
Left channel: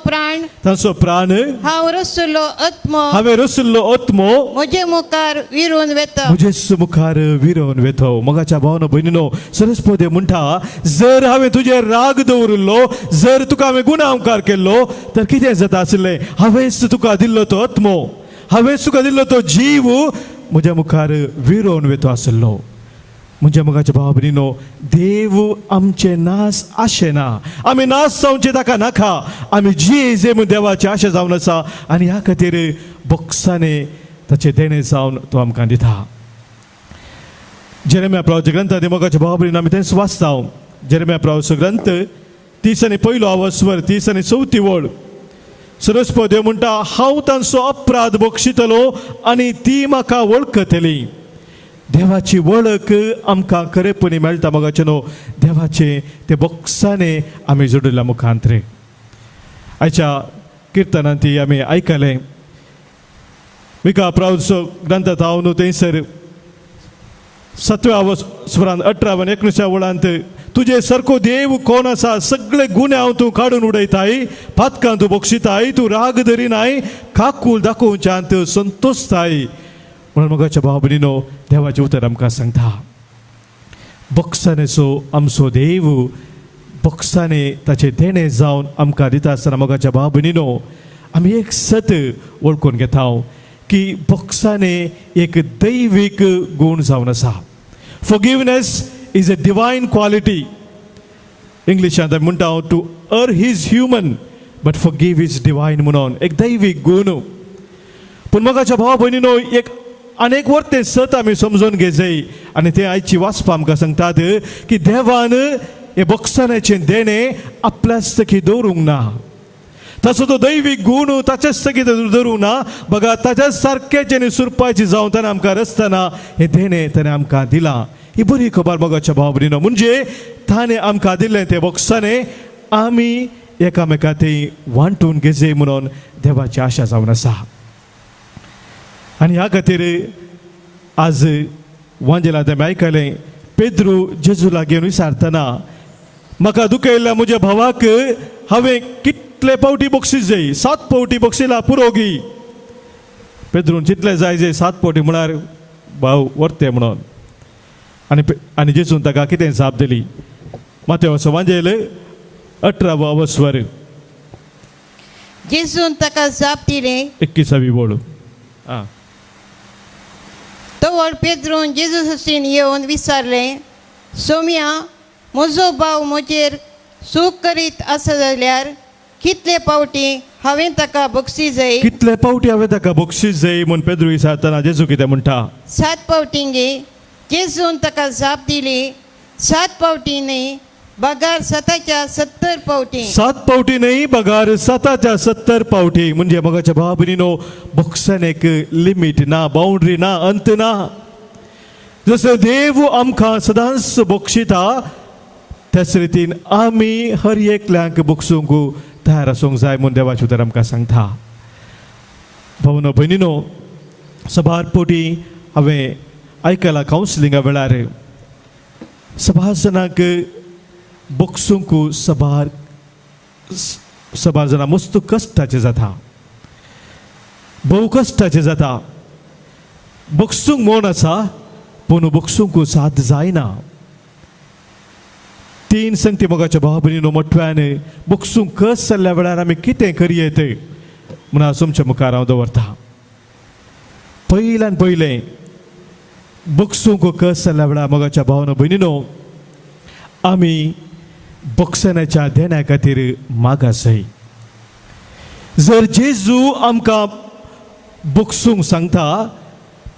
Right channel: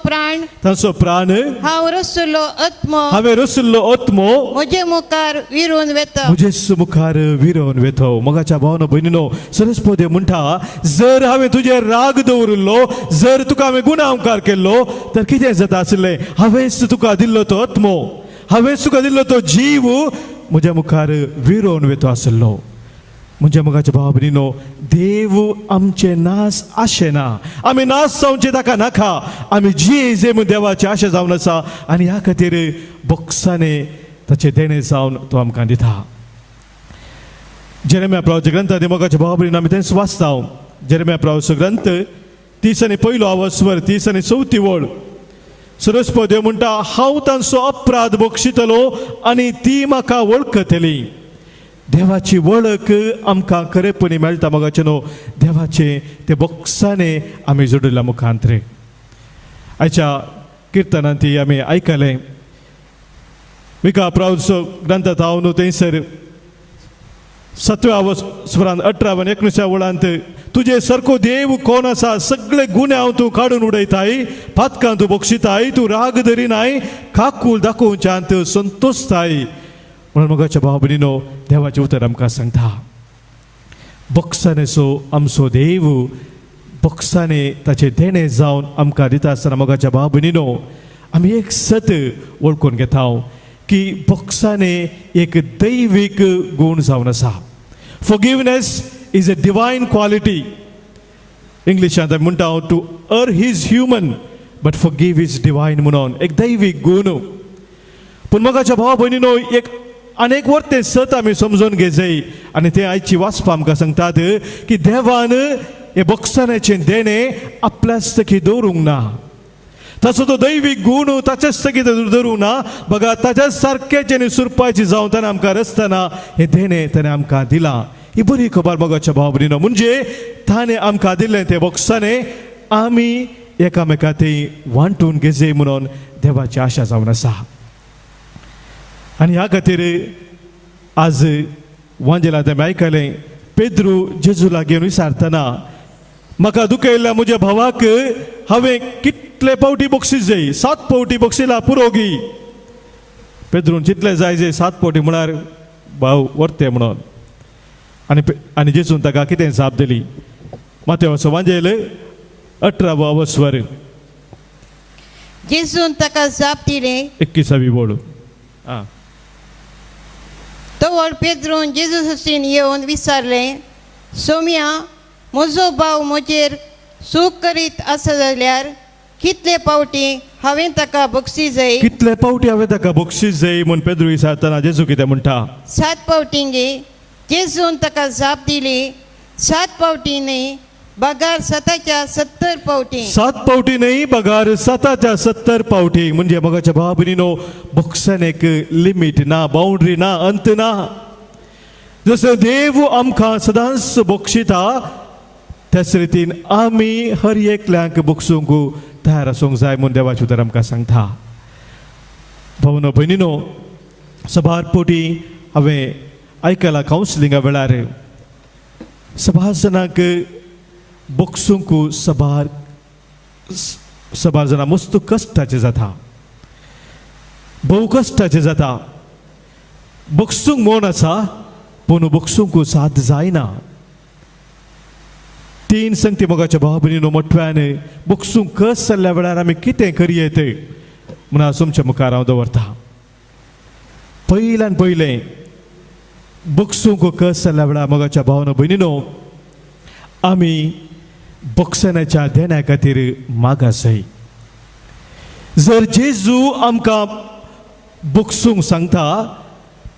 प्राण हांव रचलो आत्मो हांवें रचल्लो आत्मो म्हजे मुखार विरून वेता म्हजेच मुखार विरोवन वेतो मगाच्या भावनो भयणीनो सरस्वती म्हणटा जर हांवें तुजेर राग दवरिल्लो जर तुका हांवें गुणांकार केल्लो तर कितें जाता आसलें हांवेंच तुका दिल्लो तो आत्मो हांवेंच तुका दिल्लो तो जीव म्हज्या मुखार विरोवन वेतो आसलो म्हणजे मगाच्या भाव भयणीनो देव आमचे नास आशे ना आमी नास जावचे ताका नाका आमी जे म्हूण देवाची आशा जावन आसा आनी ह्या खातीर बोक्साने ताचे देणे जावन तो आमकां दिता जेरेमिया प्रभूच्या ग्रंथांत मगाच्या भाव भयणीनो आमी तेंच वाचता जेरेमिया प्रभूचो ग्रंथ 30 आनी 1 अवस्वर 30 आनी 4 वड सरस्वती म्हणटा हांव तांचो अपराध बोगशितलो आनी ती म्हाका वळखतली देवाची वळख आमकां खरेपणी मेळटा मगाचे न्हू देवाचे ते बोक्साने आमी जोडिल्ल्या मुखांतरे आयच्या किर्तनांत आमी आयकलें विका प्रभूचो ग्रंथांत हांव न्हू थंयसर 7 अवस्वरांत 18 आनी 19 वळांत तुजे सारको देव कोण आसा सगळे गुणे हांव तूं काडून उडयताय पातकां तूं बोगशिताय तूं राग धरिनाय काकूल दाखोवच्यांत संतोषताय म्हणून मगाच्या भाव भयणीनो देवाचें उतर आमकां सांगता बोक्सानेचो आमचो देव बोक्साने ताचे देणे जावन आमकां दिता आसतना मगाच्या भाव भयणीनो आमी एक सत वळखून घेता की बोक्साने एक दैवीक गूण जावन आसा forgiveness is a divine quality इंग्लिशांत म्हणटा to err is human but forgive is divine म्हणून एक दैवीक गूण पूण मगाच्या भाव भयणीनो एक अनेक वर ते सत आमी समजून घेजय आनी ते आयची वाचपा आमकां सांगतात की देवान हे बोक्सानेचे देणे आपल्याच तकी दवरूंक ना ताचो तो दैवीक गूण ताच्याच तकी दवरूंक ना बघा ताच्या सारकेचे सुरपाची जावन ताणें आमकां रचतना हे देणे ताणें आमकां दिला ही बरी खबर बघाच्या भाव भयणीनो म्हणजे ताणें आमकां दिल्लें ते बोक्साने आमी एकामेका थंय वांटून घेजय म्हणून देवाची आशा जावन आसा आनी ह्या खातीर आज वांजेलांत आमी आयकलें पेद्रू जेजू लागीं विचारतना म्हाका दुखयल्ल्या म्हज्या भावाक हांवें कितले पावटी बक्षीस जाय 7 पावटी बक्षिसां पुरोगी पेद्रून चितले जाय जे 7 पावटी म्हळ्यार भाव वर्ते म्हणून आनी जेजून ताका कितें जाप दिली मातेवाचो वांजेल 18 स्वर जेजून ताका जाप दिले 21 बोड तवळ पेद्रोन जेजू हसून येवन विचारले सोम्या म्हजो भाव म्हजेर सूख करीत आसा जाल्यार कितले पावटी हांवें ताका बक्षीस जाय कितले पावटी हांवें ताका बक्षीस जाय म्हूण पेद्रू विचारतना जेजू कितें म्हणटा 7 पावटींगे जेजून ताका जाप दिली 7 पावटी न्ही बगार 70 पावटी 7 पावटी न्ही बगार 70 पावटी म्हणजे मगाच्या भावा भयणीनो बक्षान एक लिमिट ना बाउंड्री ना अंत ना जसं देव आमकां सदांच बक्षिता त्याच रितीन आमी हर एकल्यांक बक्षूंक तयार आसूंक जाय म्हूण देवाचे उतर आमकां सांगता भावनो भयणीनो सबार पोटी हांवें आयकलां कावन्सिलिंगा वेळार सबार जाणांक बक्षूंक सबार जाणां मस्त कश्टाचें जाता भोव कश्टाचें जाता बक्षूंक मोन आसा पूण बक्षूंक साद जायना 3 संगती मोगाच्या भावा भयणीनो मोठ्यान बक्षूंक कस जाल्ल्या वेळार आमी कितें करयेत म्हूण हांव तुमच्या मुखार हांव दवरता पयल्यान पयलें बक्षूंक कस जाल्ल्या वेळार मोगाच्या भावानो भयणीनो आमी बक्षणाच्या देण्या खातीर मागास जाय जर जेजू आमकां बक्षूंक सांगता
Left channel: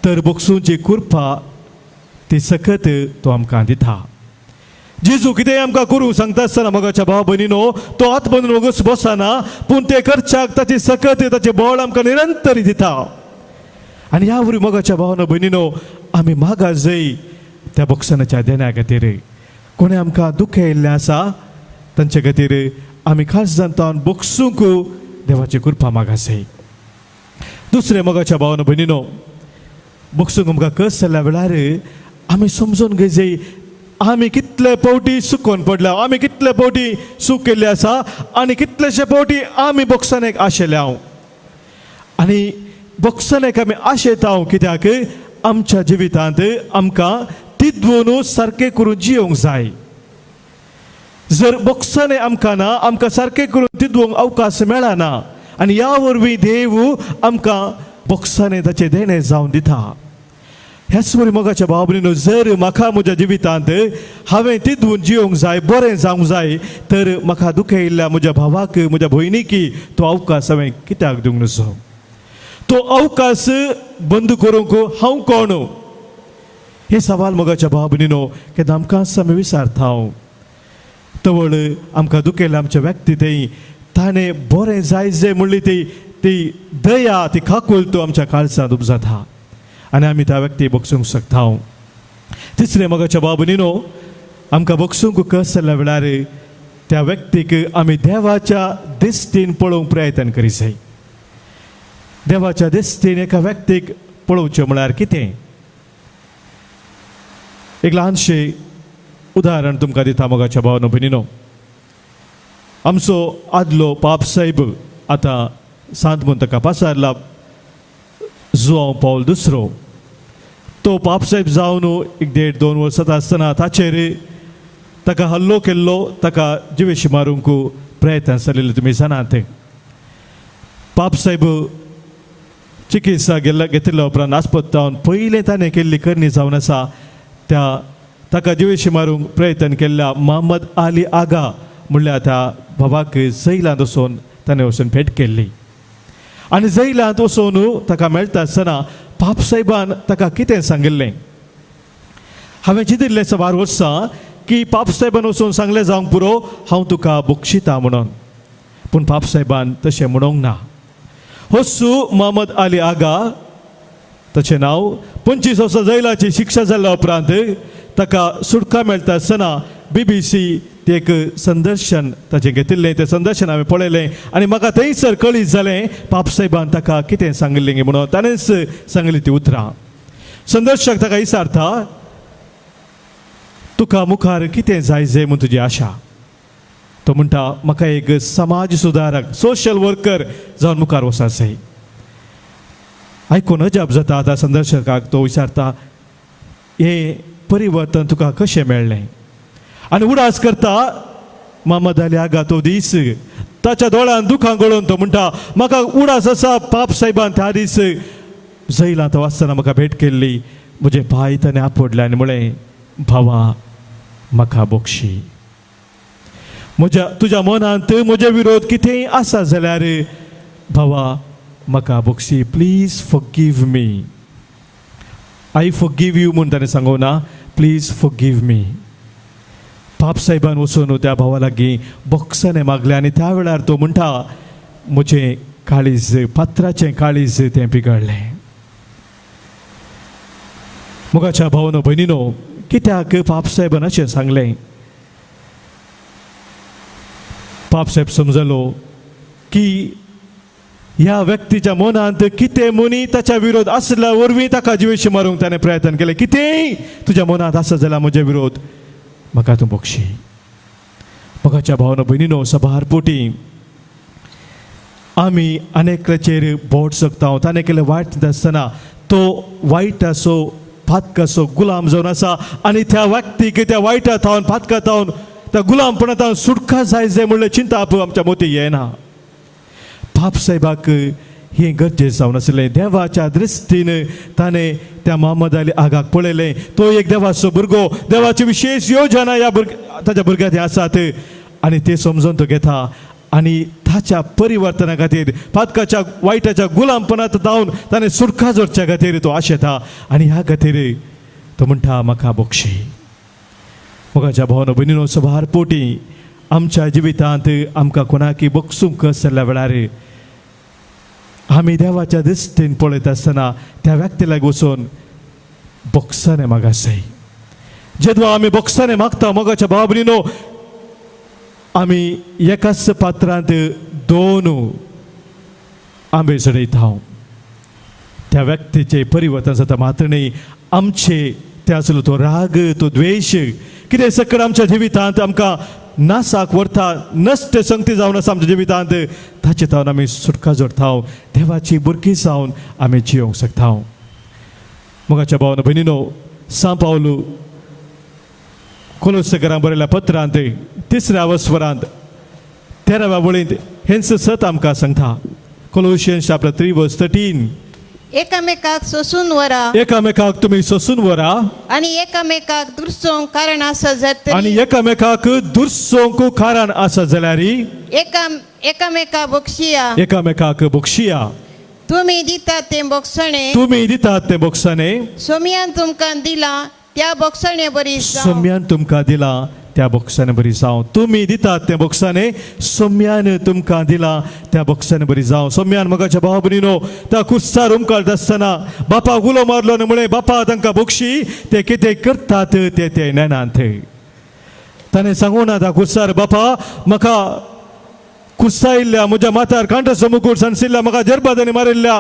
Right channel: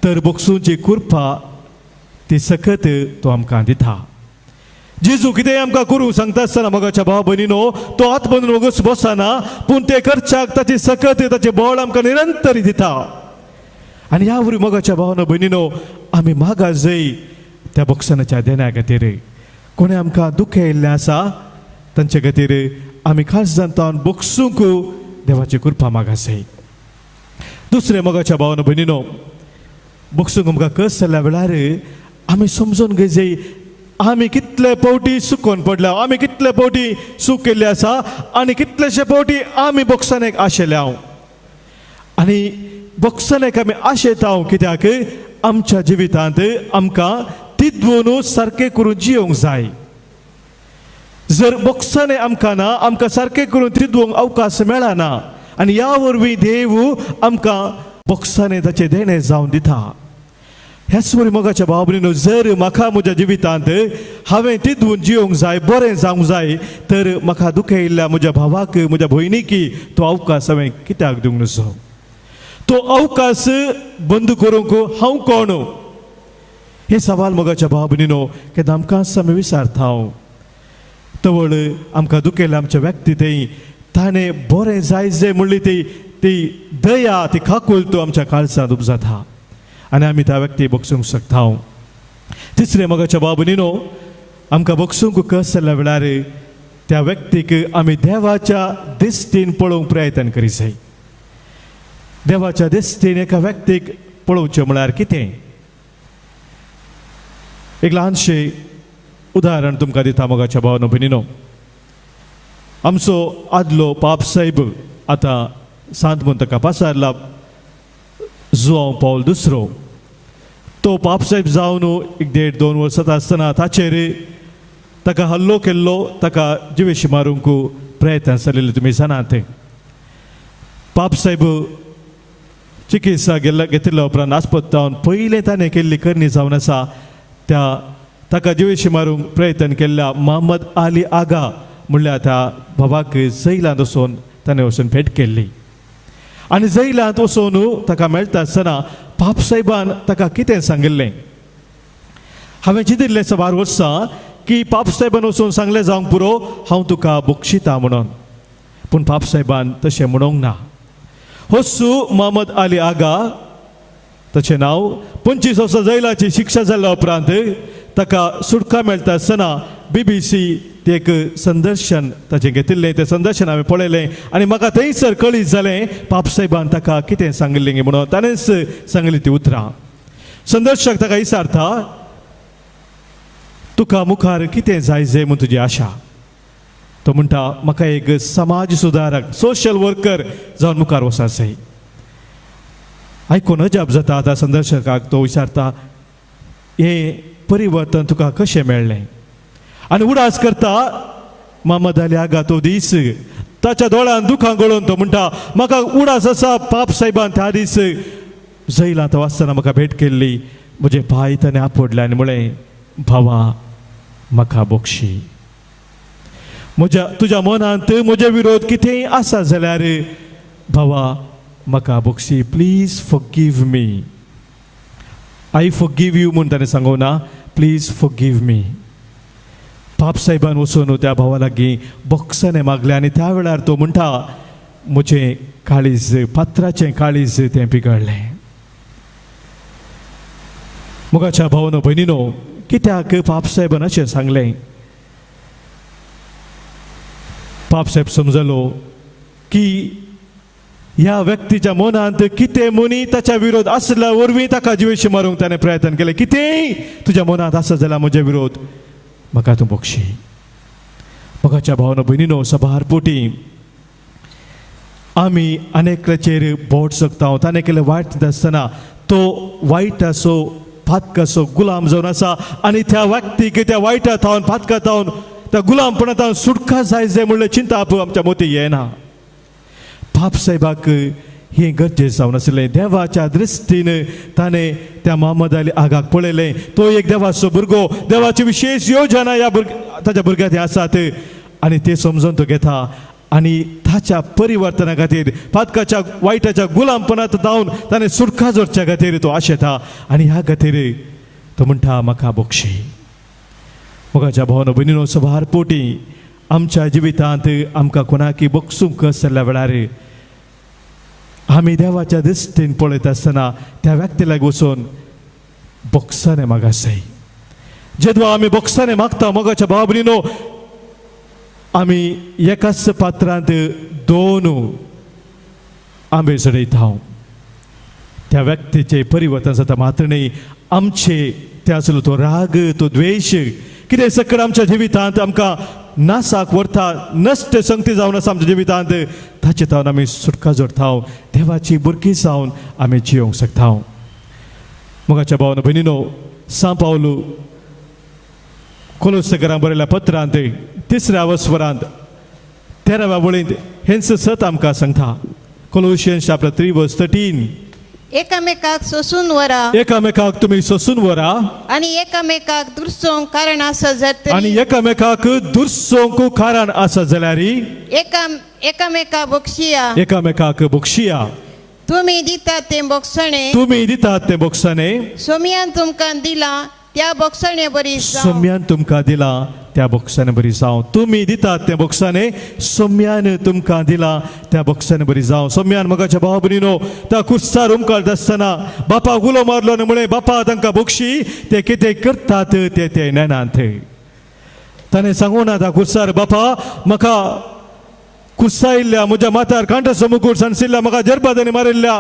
तर बक्षूंची कृपा ती सकत तो आमकां दिता जेजू कितें आमकां करूंक सांगता आसतना मोगाच्या भावा भयणीनो तो हात बांदून वगच बसना पूण ते करच्याक ताची सकत ताचे बळ आमकां निरंतर दिता आनी ह्या वरी मोगाच्या भावानो भयणीनो आमी मागास जाय त्या बक्षणाच्या देण्या खातीर कोणी आमकां दुखें येयल्लें आसा तांचे खातीर आमी खास जावन बक्षूंक देवाची कृपा मागास जाय दुसरें मोगाच्या भावानो भयणीनो बक्षूंक आमकां कस जाल्ल्या वेळार आमी समजून घेय आमी कितले पावटी सुकोवन पडल्या आमी कितले पावटी सूख केल्ले आसा आनी कितलेशे पावटी आमी बक्षानेक आशेले हांव आनी बक्षानेक आमी आशेता कित्याक आमच्या जिवितांत आमकां तितून सारकें करून जियोंक जाय जर बक्षाने आमकां ना आमकां सारकें करून तितूंक अवकाश मेळना आनी ह्या वरवीं देव आमकां बक्षाने ताचे देणे जावन दिता ह्याच वरी मोगाच्या भावा भयणीनो जर म्हाका म्हज्या जिवितांत हांवें तितून जियोंक जाय बरें जावंक जाय तर म्हाका दुखें येयल्ल्या म्हज्या भावाक म्हज्या भयणीक तो अवकाश हांवें कित्याक दिवंक नजो तो अवकाश बंद करूंक हांव कोण हे सवाल मोगाच्या भावा भयणीनो केन्ना आमकां समय विचारता हांव तवळ आमकां दुखेल्ल्या आमच्या व्यक्ती थंय ताणें बरें जाय जे म्हणली ती दया ती खाकूल तो आमच्या काळजांत उपजाता आनी आमी त्या व्यक्ती बक्षूंक शकता तिसरें मोगाच्या भावा भयणीनो आमकां बक्षूंक कस जाल्ल्या वेळार त्या व्यक्तीक आमी देवाच्या दिश्टीन पळोवंक प्रयत्न करी जाय देवाच्या दिश्टीन एका व्यक्तीक पळोवचें म्हळ्यार कितें एक ल्हानशें उदाहरण तुमकां दिता मोगाच्या भावानो भयणीनो आमचो आदलो पाप साहेब आतां सांत म्हूण ताका पासारला जुआंव पौल II तो पाप साहेब जावन 1.5-2 वर्सां आसतना ताचेर ताका हल्लो केल्लो ताका जिवेशी मारूंक प्रयत्न जाल्ले तुमी जाणात पाप साहेब चिकित्सा घेतिल्ल्या उपरांत आस्पतालांत पयलें ताणें केल्ली करणी जावन आसा त्या ताका जिवेशी मारूंक प्रयत्न केल्ल्या मोहम्मद अली आगा म्हणल्यार त्या बाबाक जैलांत वचून ताणें वचून भेट केल्ली आनी जैलांत वचून ताका मेळटा आसतना पाप साहेबान ताका कितें सांगिल्लें हांवें चिंतिल्लें सबार वर्सां की पाप साहेबान वचून सांगलें जावंक पुरो हांव तुका बक्षिता म्हणून पूण पाप साहेबान तशें म्हणूंक ना हस्सू मोहम्मद अली आगा ताचें नांव 25 वर्सां जैलाची शिक्षा जाल्ल्या उपरांत ताका सुटका मेळटा आसतना BBC ते एक संदर्शन ताचें घेतिल्लें तें संदर्शन हांवें पळयलें आनी म्हाका थंयसर कळीत जालें पाप साहेबान ताका कितें सांगिल्लें म्हणून ताणेंच सांगली ती उतरां संदर्शक ताका विचारता तुका मुखार कितें जाय जे म्हूण तुजी आशा तो म्हणटा म्हाका एक समाज सुदारक सोशल वर्कर जावन मुखार वचपाक जाय. आयकून अजाप जाता. आतां संदर्शकाक तो विचारता हे परिवर्तन तुका कशें मेळ्ळें आनी उडास करता मोहम्मद अली आगा तो दीस ताच्या दोळ्यान दुखां गळोवन तो म्हणटा म्हाका उडास आसा पाप साहेबान त्या दीस जैलांत वाचतना म्हाका भेट केल्ली म्हजे पांय ताणें आपडले आनी म्हळें भावा म्हाका बक्षी. तुज्या मनांत म्हजे विरोध कितेंय आसा जाल्यार भावा म्हाका Bakshi. Please forgive me. I forgive you म्हूण ताणें सांगो ना, प्लीज फॉरगिव मी. पाप साहेबान वचून त्या भावा लागीं बॉक्साने मागले आनी त्या वेळार तो म्हणटा म्हजें काळीज पात्राचें काळीज तें पिगळ्ळें. मोगाच्या भावानो भयणीनो, कित्याक पाप साहेबान अशें सांगलें? पाप साहेब समजलो की ह्या व्यक्तीच्या मनांत कितें मनी ताच्या विरोध आसल्या वरवीं ताका जिवेशी मारूंक ताणें प्रयत्न केले. कितेंय तुज्या मनांत आसा जाल्यार म्हजे विरोध म्हाका तूं बक्षी. मोगाच्या भावानो भयणीनो, सभार पोटी आमी अनेकाचेर बोट सकता. ताणें केलें वायट आसतना तो वायट असो फातक असो गुलाम जावन आसा आनी त्या व्यक्तीक त्या वायटा थावन फातका थावन त्या गुलामपणांत सुटका जाय म्हणल्यार चिंता आमच्या मोती येना. पाप साहेबाक हे गरजेचं जावन आसलें. देवाच्या दृश्टीन ताणें त्या मोहम्मद अली आगाक पळयलें. तो एक देवाचो भुरगो, देवाची विशेष योजना ह्या ताच्या भुरग्याक आसात आनी ते समजून तो घेता आनी ताच्या परिवर्तना खातीर फातकाच्या वायटाच्या गुलामपणांत जावन ताणें सुटका जोडच्या खातीर तो आशेता आनी ह्या खातीर तो म्हणटा म्हाका बक्षी. मोगाच्या भावानो भयणीनो, सभार पोटी आमच्या जिवितांत आमकां कोणाकी बक्षूंक जाल्ल्या वेळार आमी देवाच्या दृश्टीन पळयत आसतना त्या व्यक्ती लागीं वचून बॉक्साने मागप जाय. जेन्ना आमी बॉक्साने मागता मोगाच्या भावा भयणीनो, आमी एकाच पात्रांत दोन आंबे चडयता. त्या व्यक्तीचे परिवर्तन जाता मात्र न्ही आमचे ते आसलो तो राग, तो द्वेष कितें सकल आमच्या जिवितांत आमकां नासाक व्हरता, नश्ट संगती जावन आसा आमच्या जिवितांत, ताचे तावन आमी सुटका जोडता. देवाची भुरगीं जावन आमी जिवंक शकता. मोगाच्या भावानो भयणीनो, सा पावलो कोलोसेकारांक बरयल्ल्या पत्रांत 3ऱ्या वस्वरांत 13व्या वळींत हेंच सत आमकां सांगता. कोलोशियन्स चॅप्टर 3 वर्स 13. एकामेकाक सोसून व्हरा. एकामेकाक तुमी सोसून व्हरा आनी एकामेकाक दुरसोंक कारण आसा जातरी. आनी एकामेकाक दुरसोंक कारण आसा जाल्यार एकामेका बक्षिया. एकामेकाक बक्षिया. तुमी दितात ते बक्षणे. तुमी दितात ते बक्षाने. सोम्यान तुमकां दिला त्या बक्षणे बरी जावं. सोम्यान तुमकां दिला त्या बॉक्साने बरी जावं. तुमी दितात त्या बॉक्साने, सोम्यान तुमकां दिला त्या बॉक्साने बरी जावं. सोम्यान मोगाच्या भावा भयणीनो, त्या कुस्सार उमकाळट आसतना बापाक उलो मारलो न्हू म्हळें बापा तांकां बक्षी ते कितें करतात ते नेनात. ताणें सांगूं ना त्या कुस्सार बापा म्हाका कुस्सा इल्ल्या म्हज्या माथ्यार कांटो मुकूट सांडशिल्ल्या म्हाका जरबदांनी मारिल्ल्या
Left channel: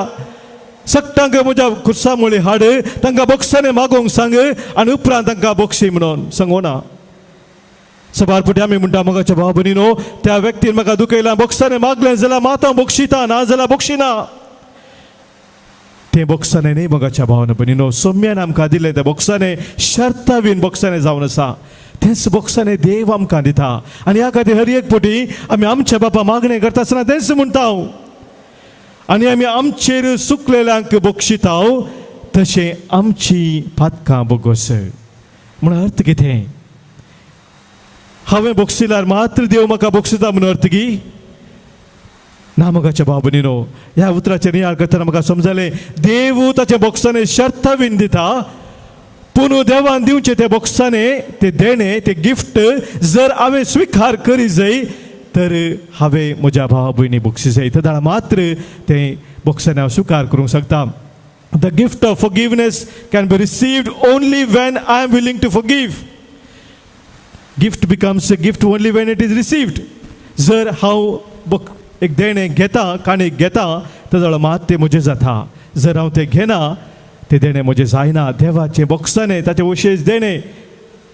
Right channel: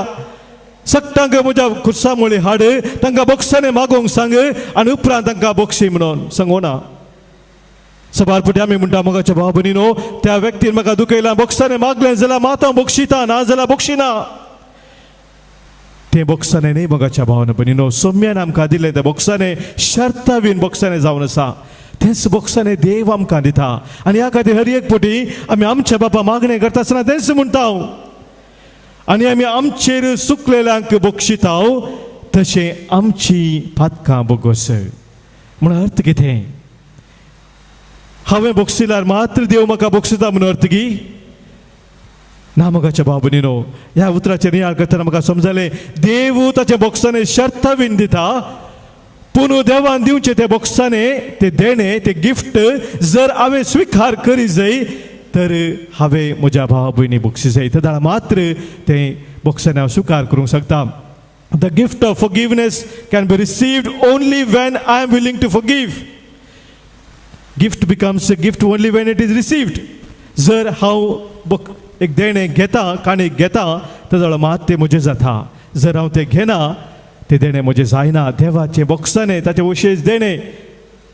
सक्तांक म्हज्या कुस्सा मुळे हाड तांकां बॉक्साने मागोवंक सांग आनी उपरांत तांकां बक्षी म्हणून सांगूं ना. सभार फुटी आमी म्हणटा मोगाच्या भावा भयणीनो, त्या व्यक्तीन म्हाका दुखयला बॉक्साने मागलें जाल्यार माता बक्षिता, ना जाल्यार बक्षिना. ते बॉक्साने न्ही मोगाच्या भावान भयणीनो, सोम्यान आमकां दिलें त्या बॉक्साने शर्तावीन बॉक्साने जावन आसा. तेच बॉक्साने देव आमकां दिता आनी ह्या खातीर हर एक फावटी आमी आमच्या बापा मागणें करता आसतना तेच म्हणटा आनी आमी आमचेर सुकलेल्यांक बक्षिता तशें आमची फातकां बगोस. म्हण अर्थ कितें? हांवें बक्षिल्यार मात्र देव म्हाका बक्षिता म्हणून अर्थ गी ना. मोगाच्या भावा भयणीनो, ह्या उतराचेर नियाळ करतना म्हाका समजलें देव ताच्या बॉक्साने शर्तावीन दिता, पूण देवान दिवचे ते बॉक्साने ते देणे ते गिफ्ट जर हांवें स्विकार करी जाय तर हांवें म्हज्या भावा भयणी बक्षी जाय जाल्यार मात्र ते बॉक्साने हांव स्विकार करूंक शकता. The gift of forgiveness can be received only when I am willing to forgive. Gift becomes a gift only when it is received. जर हांव एक देणें घेता, काणीक घेता जाल्यार मात तें म्हजें जाता. जर हांव तें घेना ते देणें म्हजें जायना. देवाचे बॉक्साने ताचे विशेश देणें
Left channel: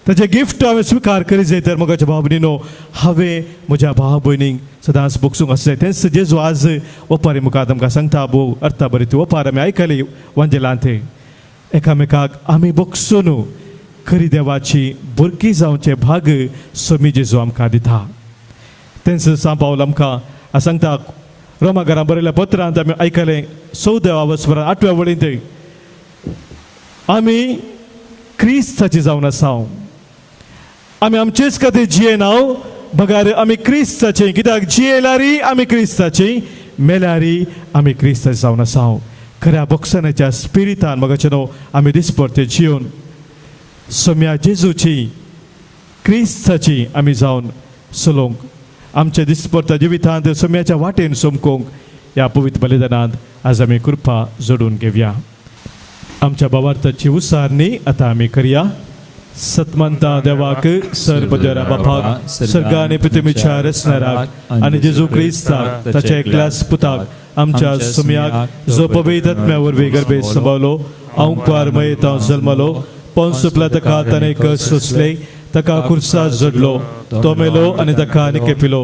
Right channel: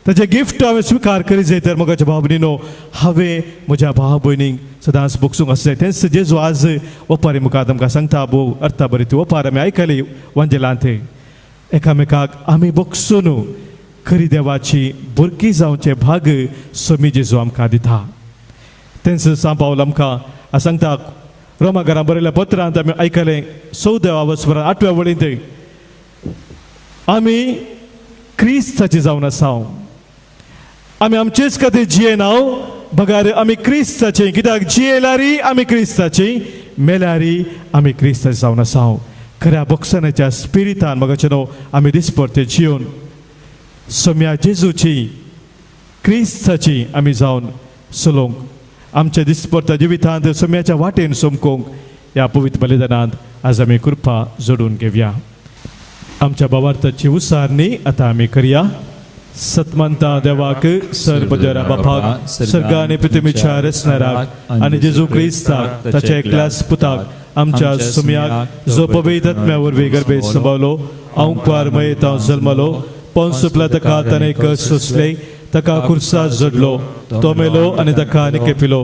ताचे गिफ्ट हांवें स्विकार करी जाय तर मोगाच्या भाव भयणीनो हांवें म्हज्या भाव भयणीक सदांच बोगसूंक आसा जाय तेंच जेजू आज ओपारी मुखार आमकां सांगता भोव अर्था बरी ती ओपार आमी आयकली वंजलांत एकामेकाक आमी बोगसून खरी देवाची भुरगीं जावचे भाग सोमी जेजू आमकां दिता तेंच सांग पावल आमकां सांगता रोमा घरा बरयल्या पत्रांत आमी आयकलें 14व्या वचपरां 8व्या वळींत आमी क्रिस्ताची जावन आसा आमी आमचेच खातीर जियेना बगार आमी क्रिस्ताची कित्याक जियेल्यारी आमी क्रिस्ताची मेल्यारी आमी क्रिस्ताची जावन आसा खऱ्या बोगसनाच्या स्पिरितान मोगाचें न्हू आमी दिसपरते जियोन सोम्या जेजूची क्रिस्ताची आमी जावन चलोवंक आमच्या दिसपरत्या जिवितांत सोम्याच्या वाटेन सोमकोंक ह्या पवित्र बलिदानांत आज आमी कृपा जोडून घेवया आमच्या भावार्थाची उसारणी आतां आमी करया सतमंता देवाक सर्वदरा बापाक सर्ग आनी पृथ्वीच्या रचणाराक आनी जेजू क्रिस्ताक ताच्या एकल्याच पुताक आमच्या सोम्याक जो पवित्र आत्म्या वरवीं गर्भेत संभावलो अंकार मयेत जल्मलो पोंसुतला ताका ताणें कस सोंसले ताका खुर्सार जोडलो तो मेलो आनी ताका निकेपिलो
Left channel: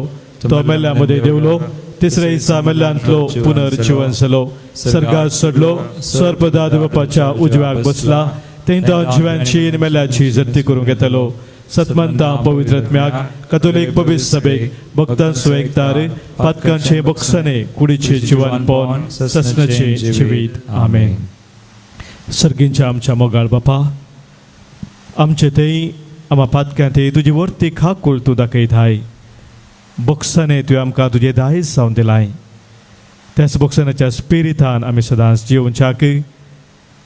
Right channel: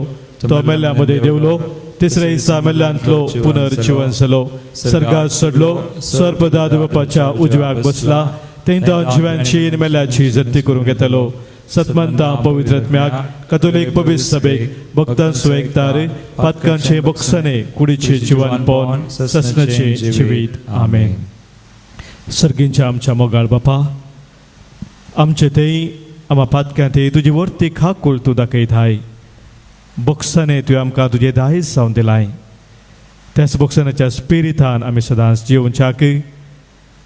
तो मेल्ल्या मदें देवलो तिसऱ्या दिसा मेल्ल्यांतलो पुनर्जीवन जालो सर्गात सोडलो सर्वदा बापाच्या उजव्याक बसला तेन्ना जिवांची आनी मेल्ल्याची जप्ती करून घेतलो सतमंता पवित्र आत्म्याक कथोलीक पवित्र सभेक भक्तां सुवेकदार पातकांचे बोगसणे कुडीचे जिवन पोवन ससनाचे जिवीत आमेन सर्गींच्या आमच्या मोगाळ बापा आमचे तेई आम्हा पातक्या ते तुजी वर्ती खाक कोळ तूं दाखयताय बोगसणे तुवें आमकां तुजे दायज जावन दिलाय त्याच बोगसण्याच्या स्पिरितान आमी सदांच जिवनच्याक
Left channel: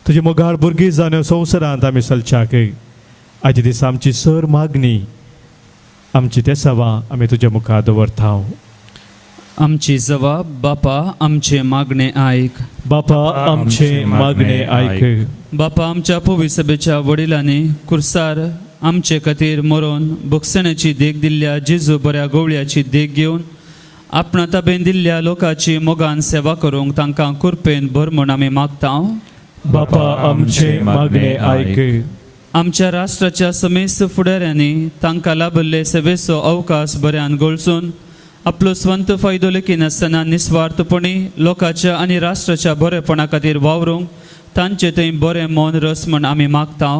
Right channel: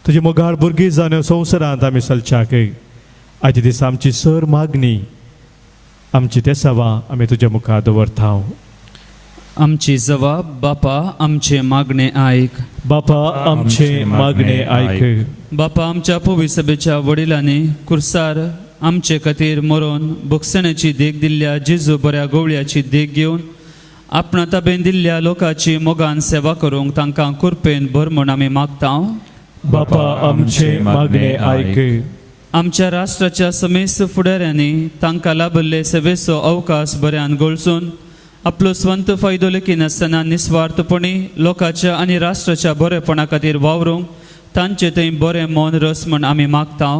तुजी मोगाळ भुरगीं जावन ह्या संवसारांत आमी चलच्याक आयचे दीस आमची सर मागणी आमची ते सवा आमी तुज्या मुखार दवरता आमची जबाब बापा आमचे मागणे आयक बापा आमचे मागणे आयक बापा आमच्या पवित्र सभेच्या वडिलांनी कुर्सार आमचे खातीर मरोन बोगसण्याची देख दिल्ल्या जेजू बऱ्या गवळ्याची देख घेवन आपणा ताब्यान दिल्ल्या लोकांची मोगान सेवा करूंक तांकां कृपेन भर म्हूण आमी मागता बापा आमचे मागणे आयक आमच्या राष्ट्राच्या समेस्त फुडाऱ्यांनी तांकां लाभल्ले सेवेचो अवकाश बऱ्यान गळसून आपलो स्वंत फायदो लेखी नासतना निस्वार्थपणी लोकांच्या आनी राष्ट्राच्या बरेपणा खातीर वावरूंक तांचे थंय बरें मौन रस म्हण आमी मागता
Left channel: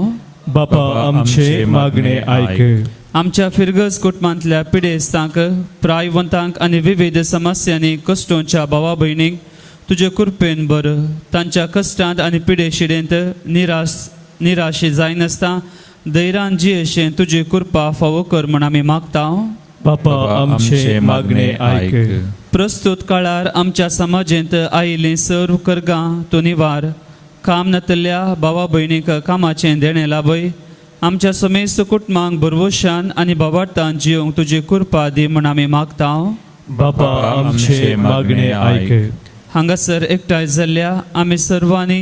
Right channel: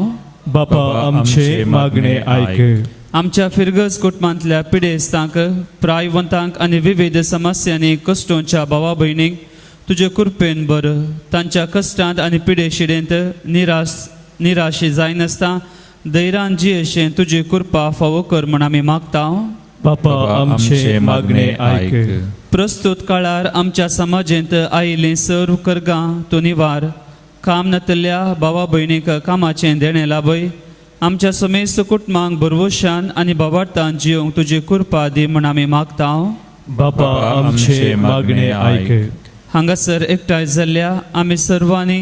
बापा आमचे मागणे आयक आमच्या फिरगस कुटुंबांतल्या पिडेस्तांक प्रायवंतांक आनी विविध समस्यांनी कश्टोच्या भावा भयणीक तुजे कृपेन बर तांच्या कश्टांत आनी पिडे शिडेंत निराशे जायनासता धैर्यान जियेशें तुजी कृपा फावो कर म्हण आमी मागता बापा आमचे मागणे आयक प्रस्तुत काळार आमच्या समाजेंत आयिल्लीं सर्व कर्गां तो निवार काम नातल्ल्या भावा भयणीक कामाचें देणें लाभय आमच्या समेस्त कुटुंबांक बरवशान आनी भावार्थान जियोंक तुजी कृपा दी म्हण आमी मागता बापा आमचे मागणे आयक हांगासर एकठांय जाल्ल्या आमी सर्वांनी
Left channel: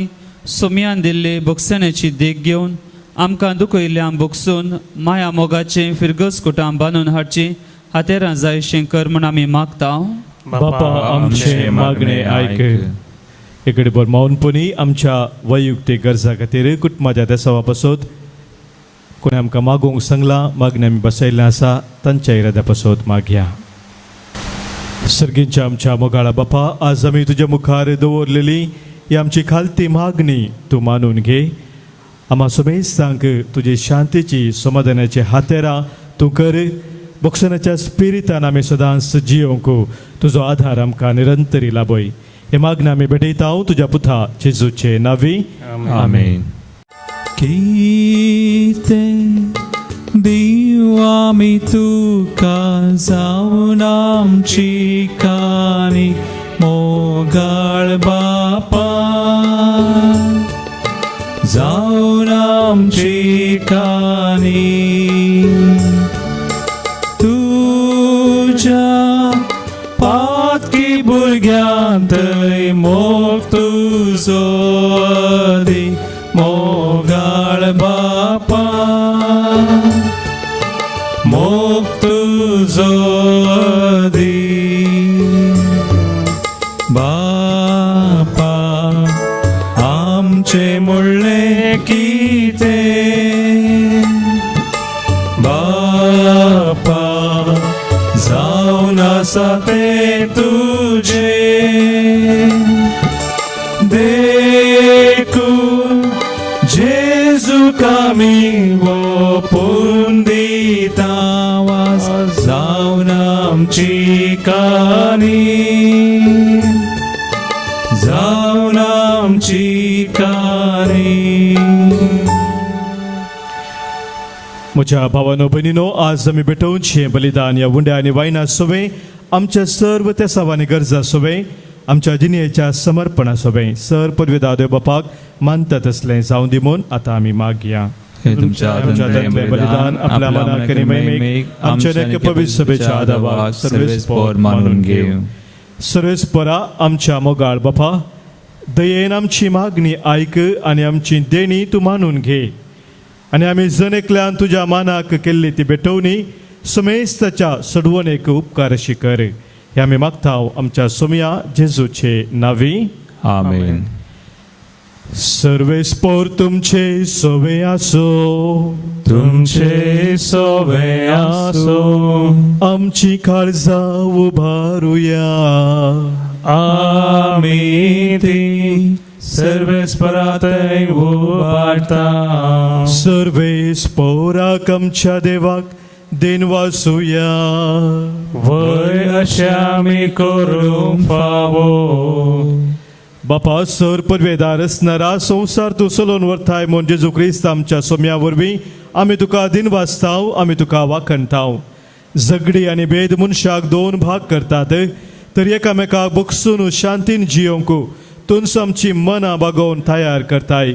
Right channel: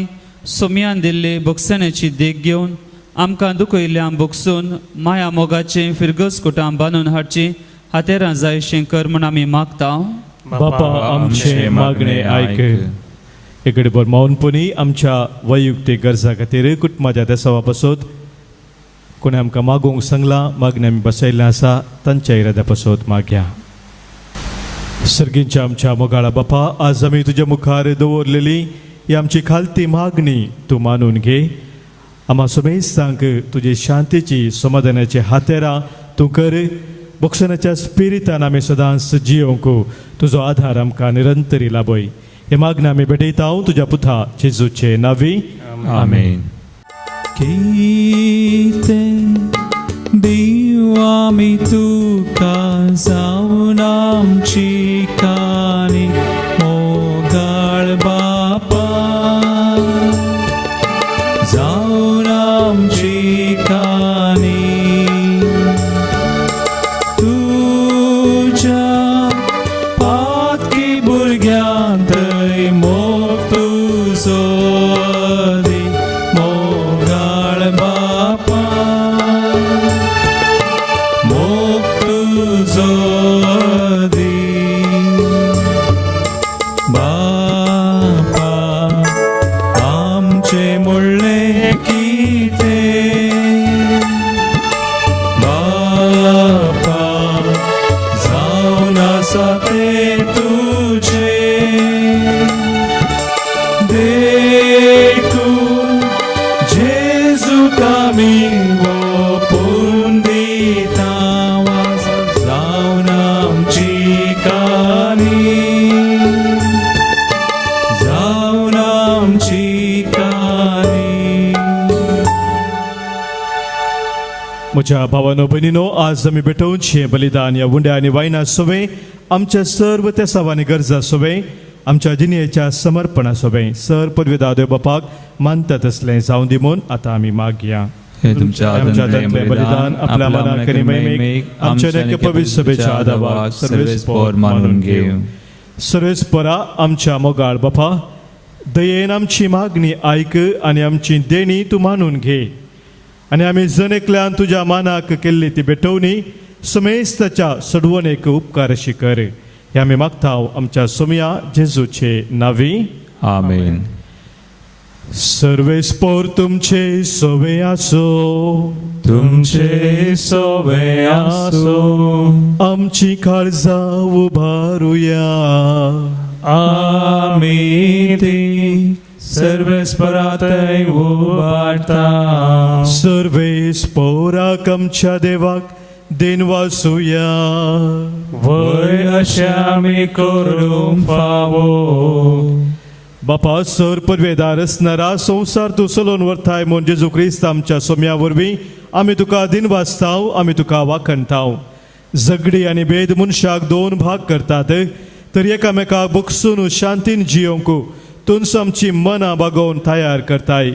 सोम्यान दिल्ले बोगसण्याची देख घेवन आमकां दुखयल्ल्यान बोगसून माया मोगाचें फिरगस कुटाम बांदून हाडची हातेरां जायशें कर म्हण आमी मागता बापा आमचे मागणे आयक एकडे बर मौनपणी आमच्या वैयक्तीक गरजा खातीर कुटुंबाच्या देसावा बसत कोणी आमकां मागोवंक सांगला मागणी आमी बसयल्लें आसा तांच्या इराद्या बसत मागया सर्गींच्या आमच्या मोगाळा बापा आज आमी तुज्या मुखार दवरलेली ही आमची खालती मागणी तूं मानून घे आम्हा समेस्तांक तुजी शांतीची समाधानाची हातेरां तूं कर बोगसनाच्या स्पिरितान आमी सदांच जियोंक तुजो आधार आमकां निरंतरी लाभय हे मागणी आमी भेटयता तुज्या पुता जेजूचे नावी आमेन देवा मी तुका जाऊन आमची कानी मोगाळ बापा जाऊन आमची कानी तुझ्या पातकी भुरग्यांत मोग तुजो दी मोगाळ बापा मोग तुजो दी बापा आमचे म्हणले कितें तुका मी ओपून दिता जावन आमची काणी जावन आमची काणी म्हज्या भावानो भयणीनो, आज आमी भेटून हे बलिदान या बुंड्या आनी वायना सोवे आमच्या सर्व त्या सवानी गरजा सोवे आमच्या जिणेच्या समर्पणा सोवे सर पदवीदार बापाक मानतात असले जाऊन दिमून आता आमी मागया. हे तुमच्या बलिदान आपल्या मनाक आणि मैमीक आमच्या नेक पवित्र सभेच्या आदाराक सर्वेस्पर मानून घेव. सर्वेस्परा आमच्या मोगाळ बापा, दयेन आमची मागणी आयक आणि आमची देणी तू मानून घे आणि आम्ही जणेकल्यान तुझ्या मानाक केल्ली ती भेटवणी सुमेस्ताच्या सोडवणेक उपकार अशी कर. हे आम्ही मागताव आमच्या सोमया जेजूचे नावी. आमेन. सर्वेस्पर तुमचे सोवे आसो, तुमचे सोवे आसो, आमची काळजा उभारूया. आमी ती सर्वेस्परातय उबारता. सर्वेस्पराक आमच्या देवाक दिन वासूया. वय अशें आमी करूंक फावो. बापा सर पदवेदार असणारा संसार तू चलोवन व्हरताय म्हूण जेजू क्रिस्त आमच्या सोम्या वरवीं आमी तुका दिन वाचताव, आमी तुका वाखणताव. झगडी आनी भेद मनशाक दोन भाग करतात, तर एकामेकाक बगसून शांतीन जियोंक तुमच आमची मनां बागोवन तयार करताय.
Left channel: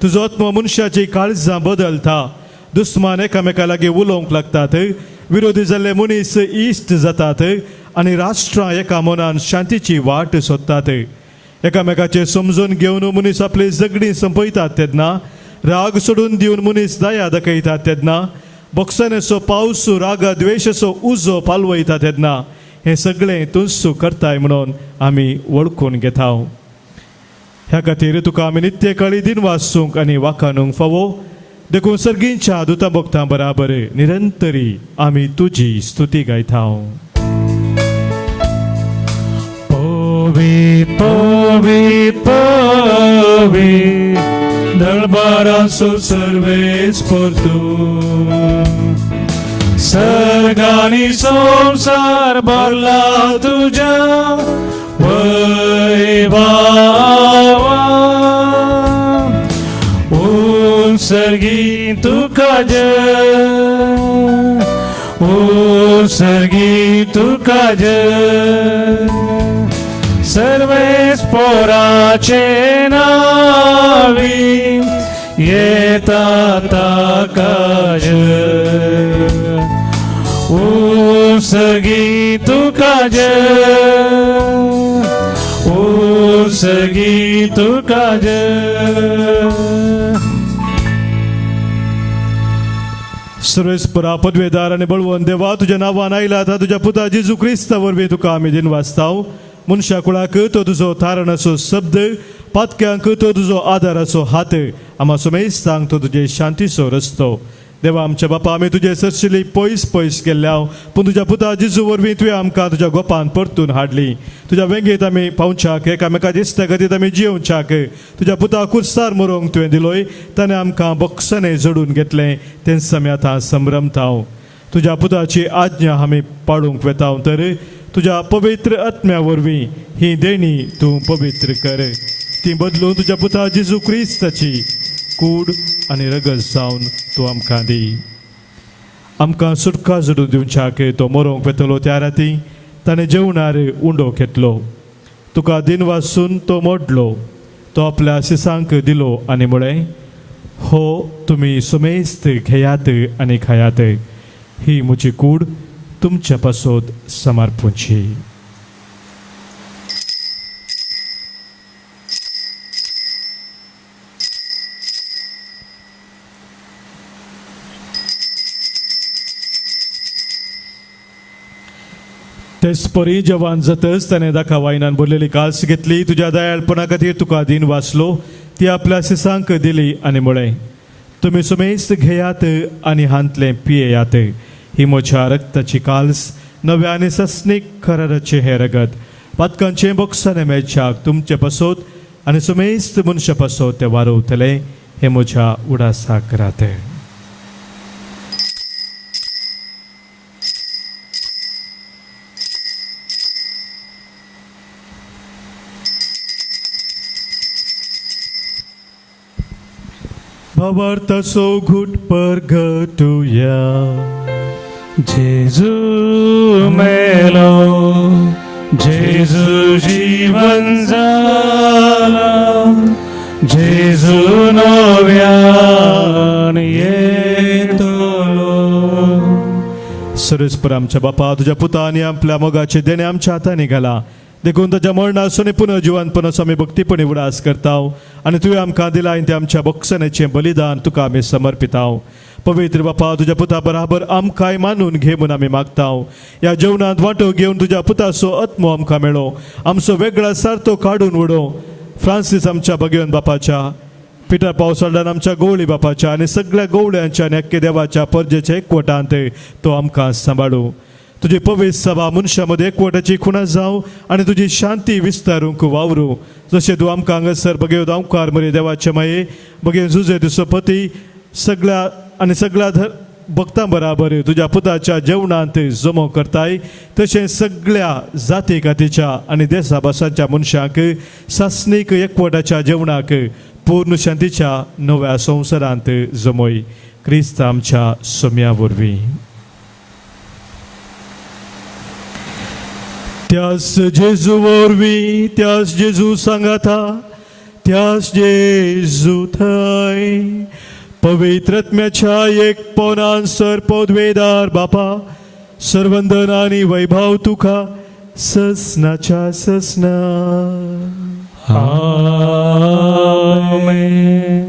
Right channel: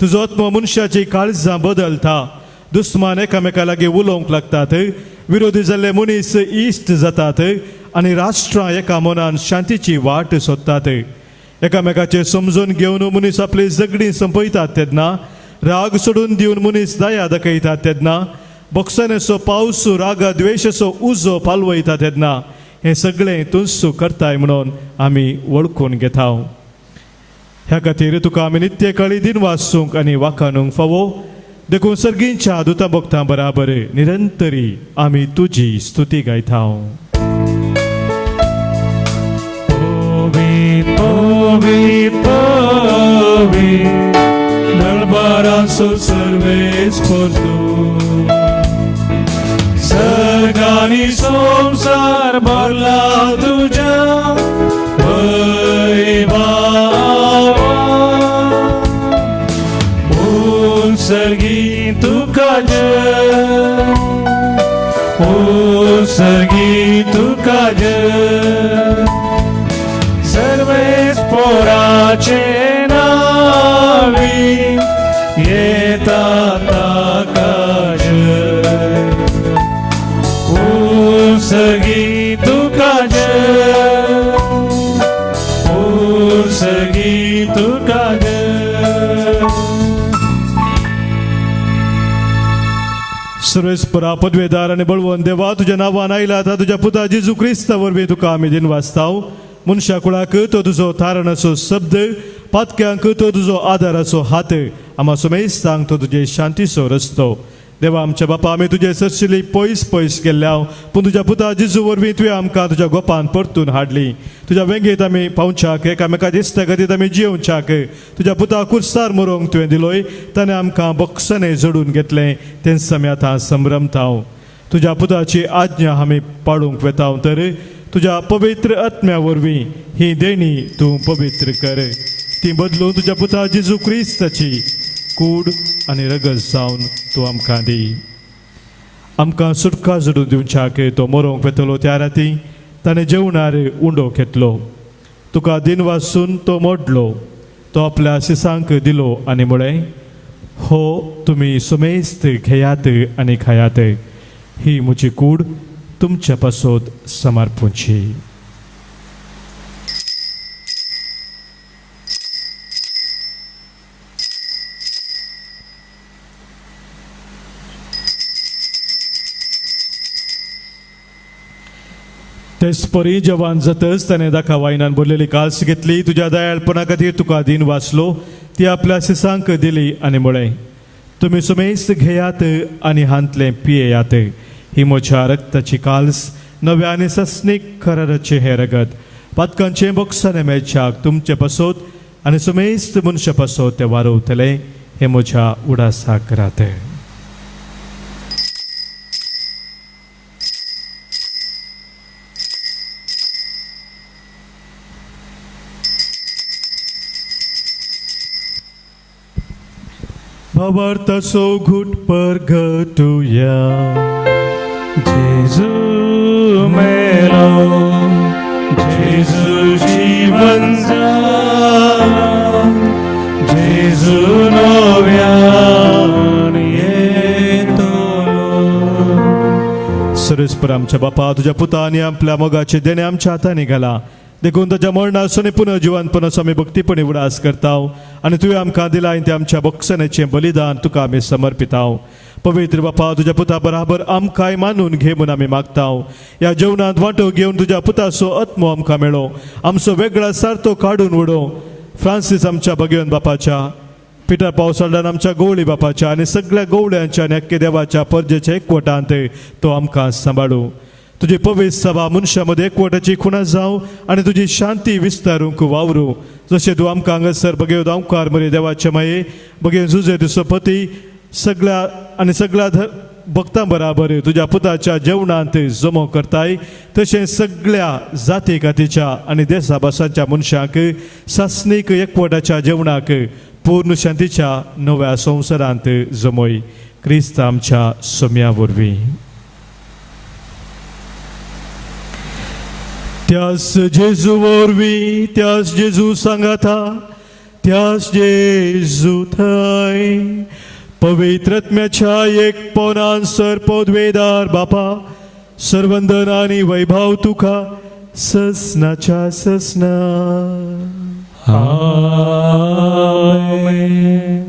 तुजो आत्मो मनशाची काळजां बदलता. दुस्मान एकामेका लागीं उलोवंक लागतात, विरोधी जाल्ले मनीस इश्ट जातात आनी राष्ट्रां एका मनान शांतीची वाट सोदतात. एकामेकाचे समजून घेवन मनीस आपली झगडी संपयतात तेन्ना, राग सोडून दिवन मनीस दया दाखयतात तेन्ना, बोगसानेचो पावस राग द्वेशाचो उजो पालवयता तेन्ना हे सगळें तूंच करताय म्हणून आमी वळखून घेताव. ह्या खातीर तुका आमी नित्य काळी दिन वाचूंक आनी वाखाणूंक फावो. देखून सर्गींच्या दुता भक्तां बराबर निरंतरी आमी तुजी स्तुती गायताव. Povi, povi, darbarasu सर्वेस्पर तू. सर्गानी संसार भरला तुझ्या वैभवा. सर्गी तुका जय, सर्गी तुका जय. सर्वेस्पराचे नावी येता ताका जय. सर्गी तुका जय, सर्गी तुका जय. सर्वेस्परा पदवेदार आणि बळवंत देवा, तुझ्या नावान आयला आता तुझ्या पुता जेजू क्रिस्ता वरवीं तुका आमी दिन वाचताव. मनशा कुळाक तो तुजो तारणाचो शब्द, पातक्यांक तो तुजो आदाराचो हात, आमा सुमेस्तांक तो तुजे शांतीचो रस्तो. देवा आमच्या बापा, आमी तुजे सरशिली पयस पयस गेल्ल्या, पूण तुज्या पुता जेजू वरवीं तुवें आमकां तुज्या गोपान परतून हाडली. तुज्या वेंगेत आमी पावच्याक, एकामेका दिसत्या गतीत आमी जियोवच्याक तुज्या पुता कुर्सार मरोवंक तुवें दिलोय. ताणें आमकां बोगसने जोडून घेतलें, तेंच आमी आतां संभ्रमताव. तुज्या पुताची आज्ञा आमी पाळूंक वेताव, तर तुझ्या पवित्र आत्म्या वरवीं ही देणी तू पवित्र कर. ती बदलून तुझ्या पुता जेजू क्रिस्ताची कूड आनी रगत जावन तू आमकां दी. आमकां सुटका जोडून दिवच्याक तो मरोवंक वेतलो त्या राती ताणें जेवणार उंडो घेतलो. तुका दिन वाचून तो मोडलो, तो आपल्या शिसांक दिलो आनी म्हळें, हो तुमी सुमेस्त घेयात आनी खायात, ही म्हजी कूड तुमच्या पासोद समर्पूची. तेच परी जवान जातच ताणें दाखा वायनान बोललेली कास घेतली. तुज्या दयाळपणा खातीर तुका दिन वाचलो, ती आपल्या शिसांक दिली आनी म्हळें, तुमी सुमेस्त घेयात आनी हांतले पियेयात, ही म्हज्या रक्ताची काल्स, नव्या आनी सस्नीक कराराचे हे रगत. पातकांचे बोगसाने मेळच्याक तुमचे पासोत आनी सुमेस्त मनशा पासोत ते वारवतले. हे म्हज्या उडासाक राते. Babartaso gut pergatuya जेजू मेरो जेजू जीवन जाना जेजू नव्यान येतलो. सरस्पर आमच्या बापा तुझ्या पुताने आपल्या मोगाचे देणे आमच्या हाताने घाला. देखून तुझ्या मरणासून पुनर्जीवनपणाचो आमी भक्तीपणी उडास करताव आणि तुवें आमकां दिला ते आमच्या बक्षणाचें बलिदान तुका आमी समर्पिताव. पवित्र बापा तुझ्या पुता बराबर आमकांय मानून घे म्हणून आमी मागताव. ह्या जेवणात वांटो घेवन तुझ्या पुताचो आत्मो आमकां मेळो. आमचो वेगळा सारतो काडून उडो. फ्रांसीस आमच्या भगवन बापाच्या, पिटर पावसाळ्यान आमच्या गवळी बापाच्या आणि सगळ्या गवळ्यांच्या आणि अख्खे देवाच्या पर्जेच्या एकवटांत तो आमकां सांबाळू. तुझी पवित्र सभा मनशामध्ये एकवटाची खुणा जावं आणि तुझी शांती विस्तारूंक वावरू. जशें तूं आमकां हांगासर भगेव दावकार मरे देवाचे माये भगेव जुजे तुजो पती सगळ्या भक्तां बराबर तुझ्या पुताच्या जेवणांत जमो करताय तशें सगळ्या जाती खातीच्या आणि देशा भासांच्या मनशांक सासणीक एकवटाच्या जेवणाक पूर्ण शांतीच्या नव्या संवसारांत जमोय. क्रिस्त आमच्या सोम्या वरवीं. त्यास जेजू वरवीं त्यास जेजू सांगाता त्यास जेजू थंय पवित्रत्म्याच्या एक पोरान सर पदवेदार बापा सर्वंदर आणि वैभव तुका ससनाच्या ससना. आमेन.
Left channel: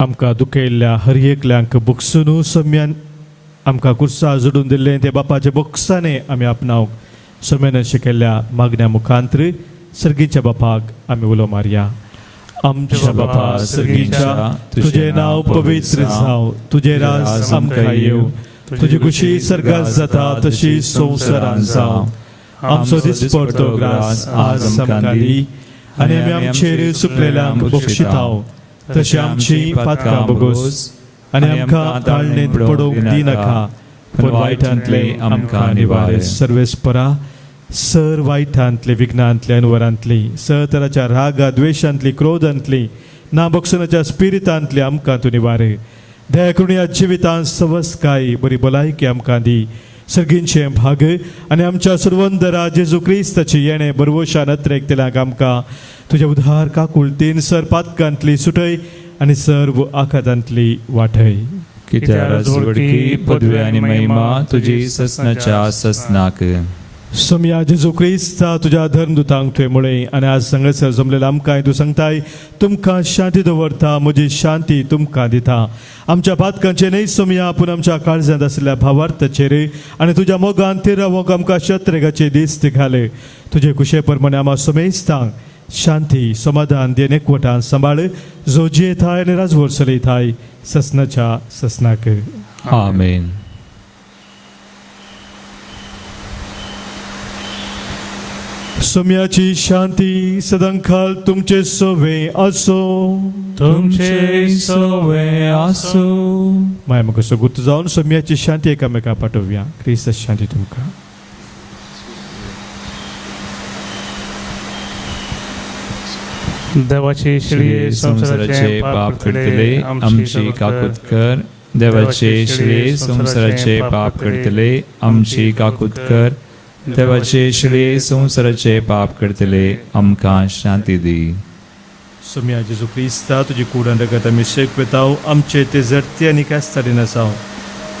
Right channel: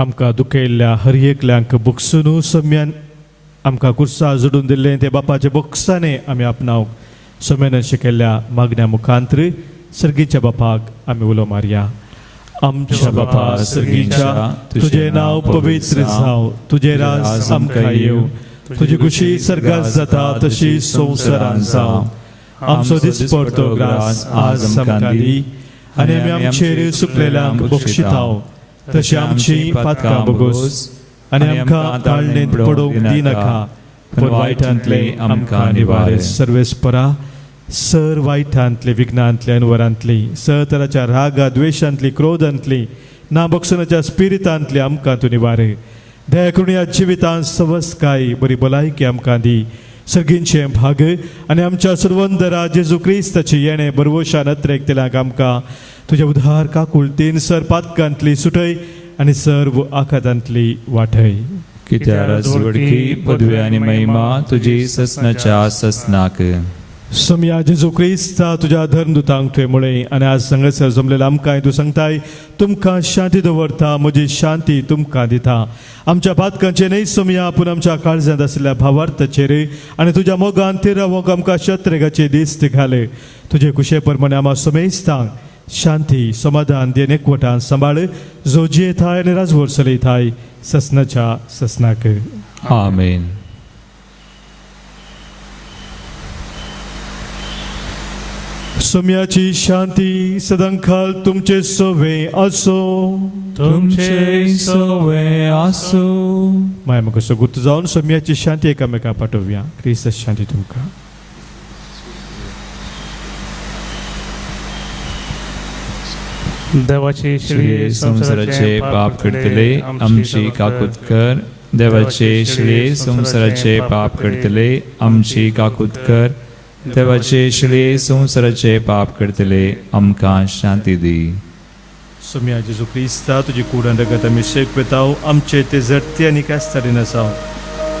आमकां दुखयल्ल्या हर एकल्यांक बुकसून सम्यान आमकां कुर्सा जोडून दिल्ले ते बापाचे बुक्साने आमी आपणाव. सम्यान शिकयल्ल्या मागण्या मुखांतर सर्गीच्या बापाक आमी उलो मारया. आमच्या बापा सर्गीच्या तुझे नाव पवित्र जाव. तुझे राज आमकां येव. तुझी खुशी सर्गात जाता तशी संवसारांत जाव. आमचो दिसपडतो ग्रास आज आमकां दी आनी आमी आमचेर सुकलेल्यांक बक्षिताव तशी आमची पातकां बोगोस आनी आमकां ताळणेंत पडोवंक दिनाका पूण वायटांतले आमकां निवार. सर्वेस्परा सर वायटांतली विघ्नांतली अनवरांतली सर तराच्या रागा द्वेशांतली क्रोधांतली ना बक्षणाच्या स्पिरितांतली आमकां तूं निवार. दया करून ह्या जिवितांत सवस्काय बरी भलायकी आमकां दी. सगळींचे भाग आनी आमच्या सर्वंदरा जेजू क्रिस्ताची येणे बरवशा नत्रेक दिलाक आमकां तुझे उधार काकुळतीन सर पातकांतली सुटय आणि सर्व आखातांतली वाटय. कित्या रजवडकी पदवी आनी महिमा तुजी ससनाच्या ससनाक. सोम्या जेजू क्रिस्ता तुझ्या धर्मदुतांक तुवें आणि आज संगसर जमलेला आमकां तूं सांगताय तुमकां शांती दवरता म्हजी शांती तुमकां दिता. आमच्या पातकांचे न्हय सोम्या पूण आमच्या काळजांत आसलेल्या भावार्थाचेर आणि तुझ्या मोगान ते रावोंक आमकां शत्रेगाचे दीस घाले. तुजे कुशे प्रमाणे आम्हा सोमेस्तांक शांती समाधान देन एकवटान सांबाळ जो जियेताय आनी राजवड चलयताय ससनाच्या ससनाक. आमेन. सोम्याची शांती सदांकाल तुमचे सोवे असो. तुमचे सोवे आसो. माय म्हाका सोगूत जावन सोम्याची शांती एकामेका पाठोवया. क्रिस्त शांती तुमकां. देवाचे श्री संसाराचे पाप करतले आमची काकूत कर. देवाचे श्री संसाराचे पाप करतले आमची काकूत कर. देवाचे श्री संसाराचे पाप करतले आमकां शांती दी. सोम्या जेजू क्रिस्ता तुजी कूड रगत आमी शेकवेताव आमचे ते जडते आनी कास्तारी नसाव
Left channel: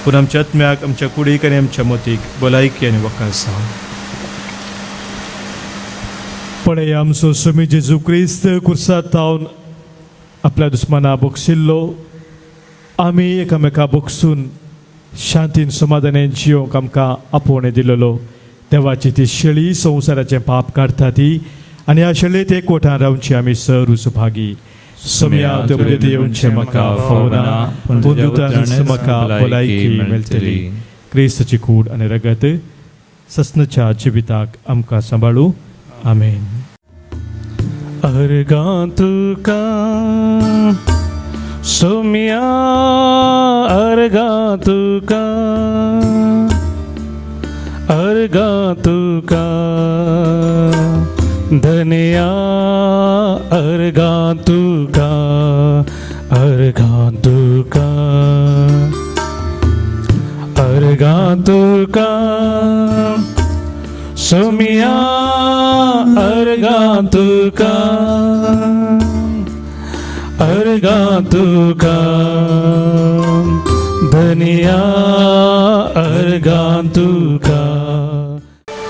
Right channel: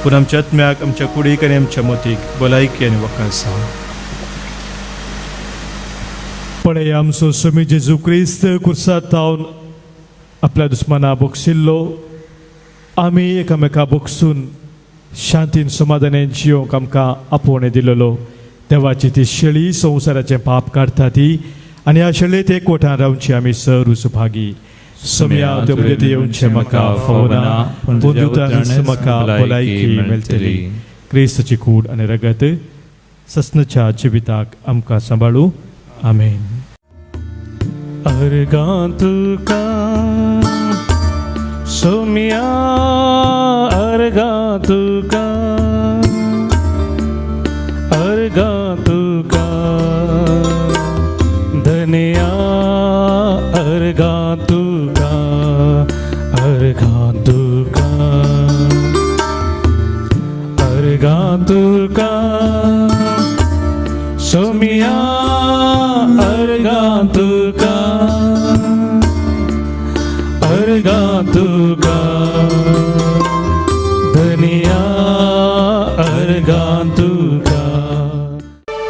पूण आमच्या आत्म्याक आमच्या कुडीक आनी आमच्या मतीक भलायकी आनी वखाण जाव. पण आमचो सोमी जेजू क्रिस्त कुर्सात तावन आपल्या दुस्माना बोगशिल्लो आमी एकामेका बोगसून शांतीन समाधानान जियोंक आमकां आपोवणें दिलेलो. देवाची ती शेळी संवसाराचे पाप काडटा ती आनी ह्या शेळयेत एकवटान रावची आमी सर सुभागी. सोम्या तुमचे देवचे म्हाका फावना पूण दुतांनी म्हाका भलायकी मेळटली. क्रिस्ताची कूड आनी रगत ससनच्या जिविताक आमकां सांबाळू आमेन. अर्गा तुका सोम्या अर्गा तुका अर्गा तुका धन्या अर्गा तुका अर्गा तुका अर्गा तुका सोम्या अर्गा तुका अर्गा तुका धन्या अर्गा तुका.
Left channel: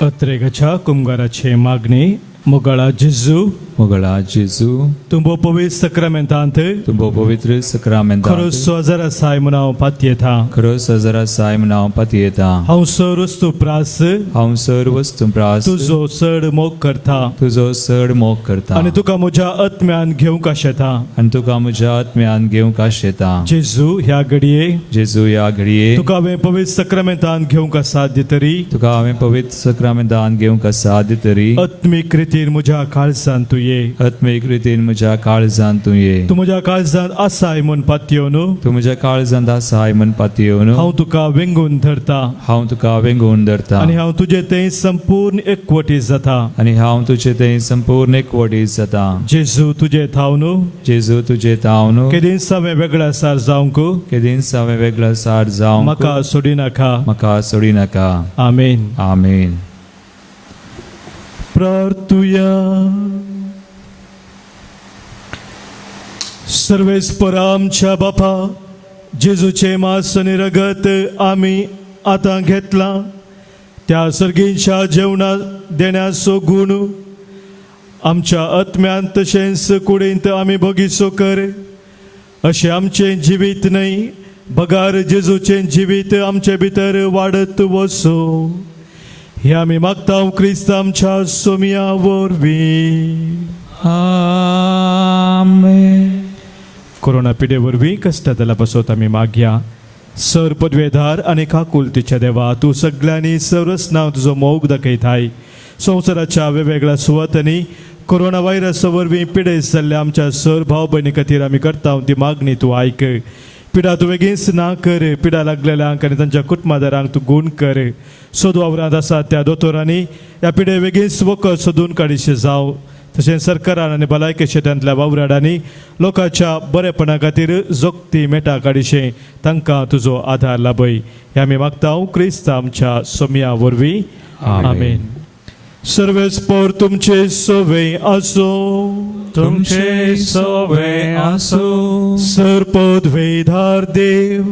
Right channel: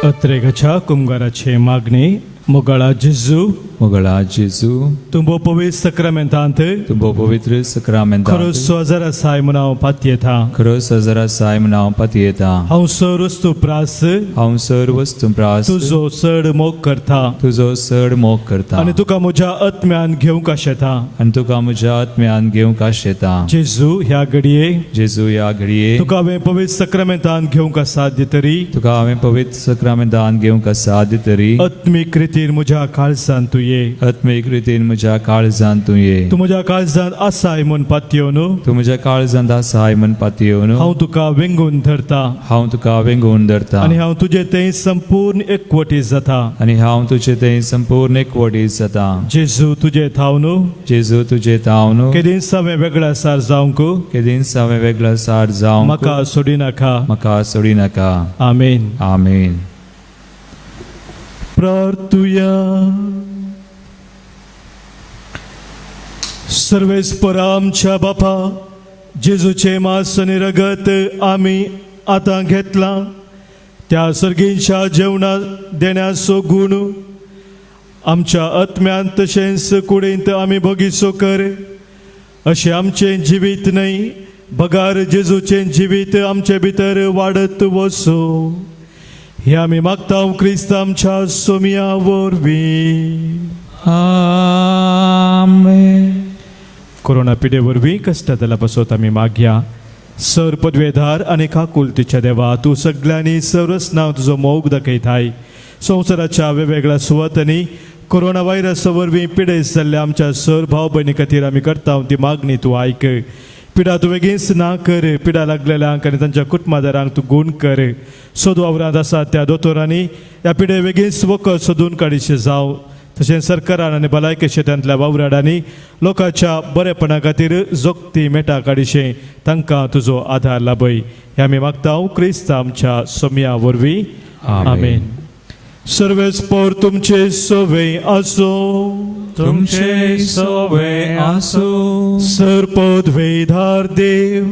अत्रेगच्या कुंभाराचे मागणी मोगळा जेजू मोगळा जेजू तुंबो पवित्र सक्रमेंतांत तुंबो पवित्र सक्रमेंतांत खरो सोजरा साय म्हणाव पातयेता खरो सजरा साय म्हणाव पातयेता. हांव सरस्तू प्रास हांव सर्व वस्तुप्रास तुजो चड मोग करता तुजो चड मोग करता आनी तुका म्हज्या आत्म्यान घेवंक आशेता. आनी तुका म्हज्या आत्म्यान घेवंक आशेता. जेजू ह्या घडये जेजू ह्या घडये तुका हांवें पवित्र सक्रमेंतान घेवंक साध्य तरी तुका हांवें पवित्र सक्रमेंतान घेवंक साद तरी आत्मीक रितीन म्हज्या काळजान तूं ये. आत्मीक रितीन म्हज्या काळजांत तूं ये. तूं म्हज्या काळजान आसाय म्हूण पातयेवन तूं म्हज्या काळजांत आसाय म्हण पातयेवन हांव तुका वेंगून धरता हांव तुका वेंगून धरता. आनी हांव तुजे थंय संपूर्ण एकवटी जाता. आनी हांव तुजे थंय संपूर्ण एकवटीत जाता. जेजू तुजे थाव न्हू जेजू तुजे ताव न्हू केदीन सावे वेगळा सार जावंक केदीन सावे वेगळा सार जावं म्हाका सोडी नाका. म्हाका सोडी नाका. आमेन. आमेन. प्रार्थुया. सर्वेस्पर आमच्या बापा जेजूचे मांस आणि रगत आम्ही आता घेतला त्या सर्गींच्या जेवणा देण्याचो गुण आमच्या आत्म्यान तशेंच कुडींत आमी बगीचो कर अशें आमचें जिवीत न्हय बगार जेजूचें जिवीत आमचे भितर वाडत वचो हे आमी मागता क्रिस्त आमच्या सोम्या वरवीं. आमेन. कोरोना पिडे वरवीं कश्टातला पासत आमी मागया. सर पदवेदार आनी काकुलतीच्या देवा तूं सगळ्यांनी सर्वस्नांव तुजो मोग दाखयताय. संवसाराच्या वेगवेगळ्या सुवातांनी कोरोना व्हायरस वरवीं पिडेस जाल्ल्या आमच्या सर भाव भयणी खातीर आमी करता ती मागणी तूं आयक. पिडा तूं बेगीनच ना कर. पिडा लागलेल्यांक आनी तांच्या कुटुंबादारांक तूं गूण कर. सोदवावरांत आसा त्या दोतोरांनी ह्या पिडे बेगीनच वखद सोदून काडीशे जावं. तशेंच सरकारान आनी भलायकी क्षेत्रांतल्या वावराडांनी लोकांच्या बरेपणा खातीर जोगती मेटा काडीशे तांकां तुजो आधार लाभय हे आमी मागता क्रिस्त आमच्या सोम्या वरवीं. आमेन. सर्वेस्पर तुमचे सोवे आसो. तुमचे सोवे आसो. सर पदवेदार देव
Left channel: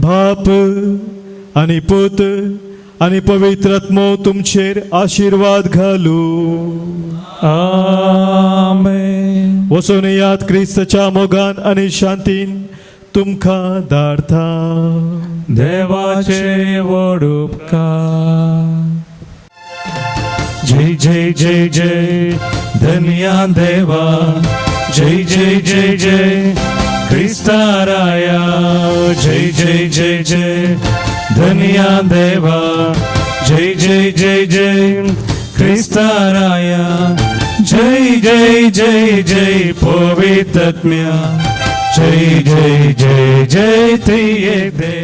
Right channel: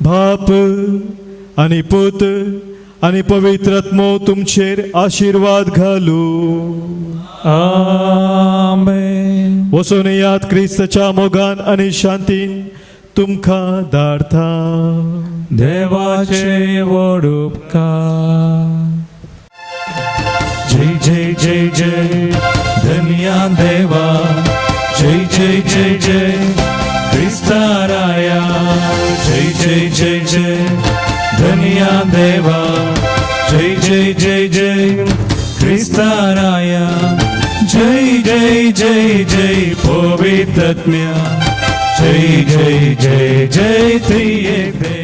बाप आनी पुत आनी पवित्र आत्मो तुमचेर आशीर्वाद घालू. आमेन. वचून याद क्रिस्ताच्या मोगान आनी शांतीन तुमकां धाडटा. देवाचे व्हड उपकार. जय जय जय जय धन्या देवा. जय जय जय जय क्रिस्ता राया. जय जय जय जय धन्या देवा. जय जय जय जय क्रिस्ता राया. जय जय जय जय पवित्र आत्म्या. जय जय जय जय त्रिएक देव.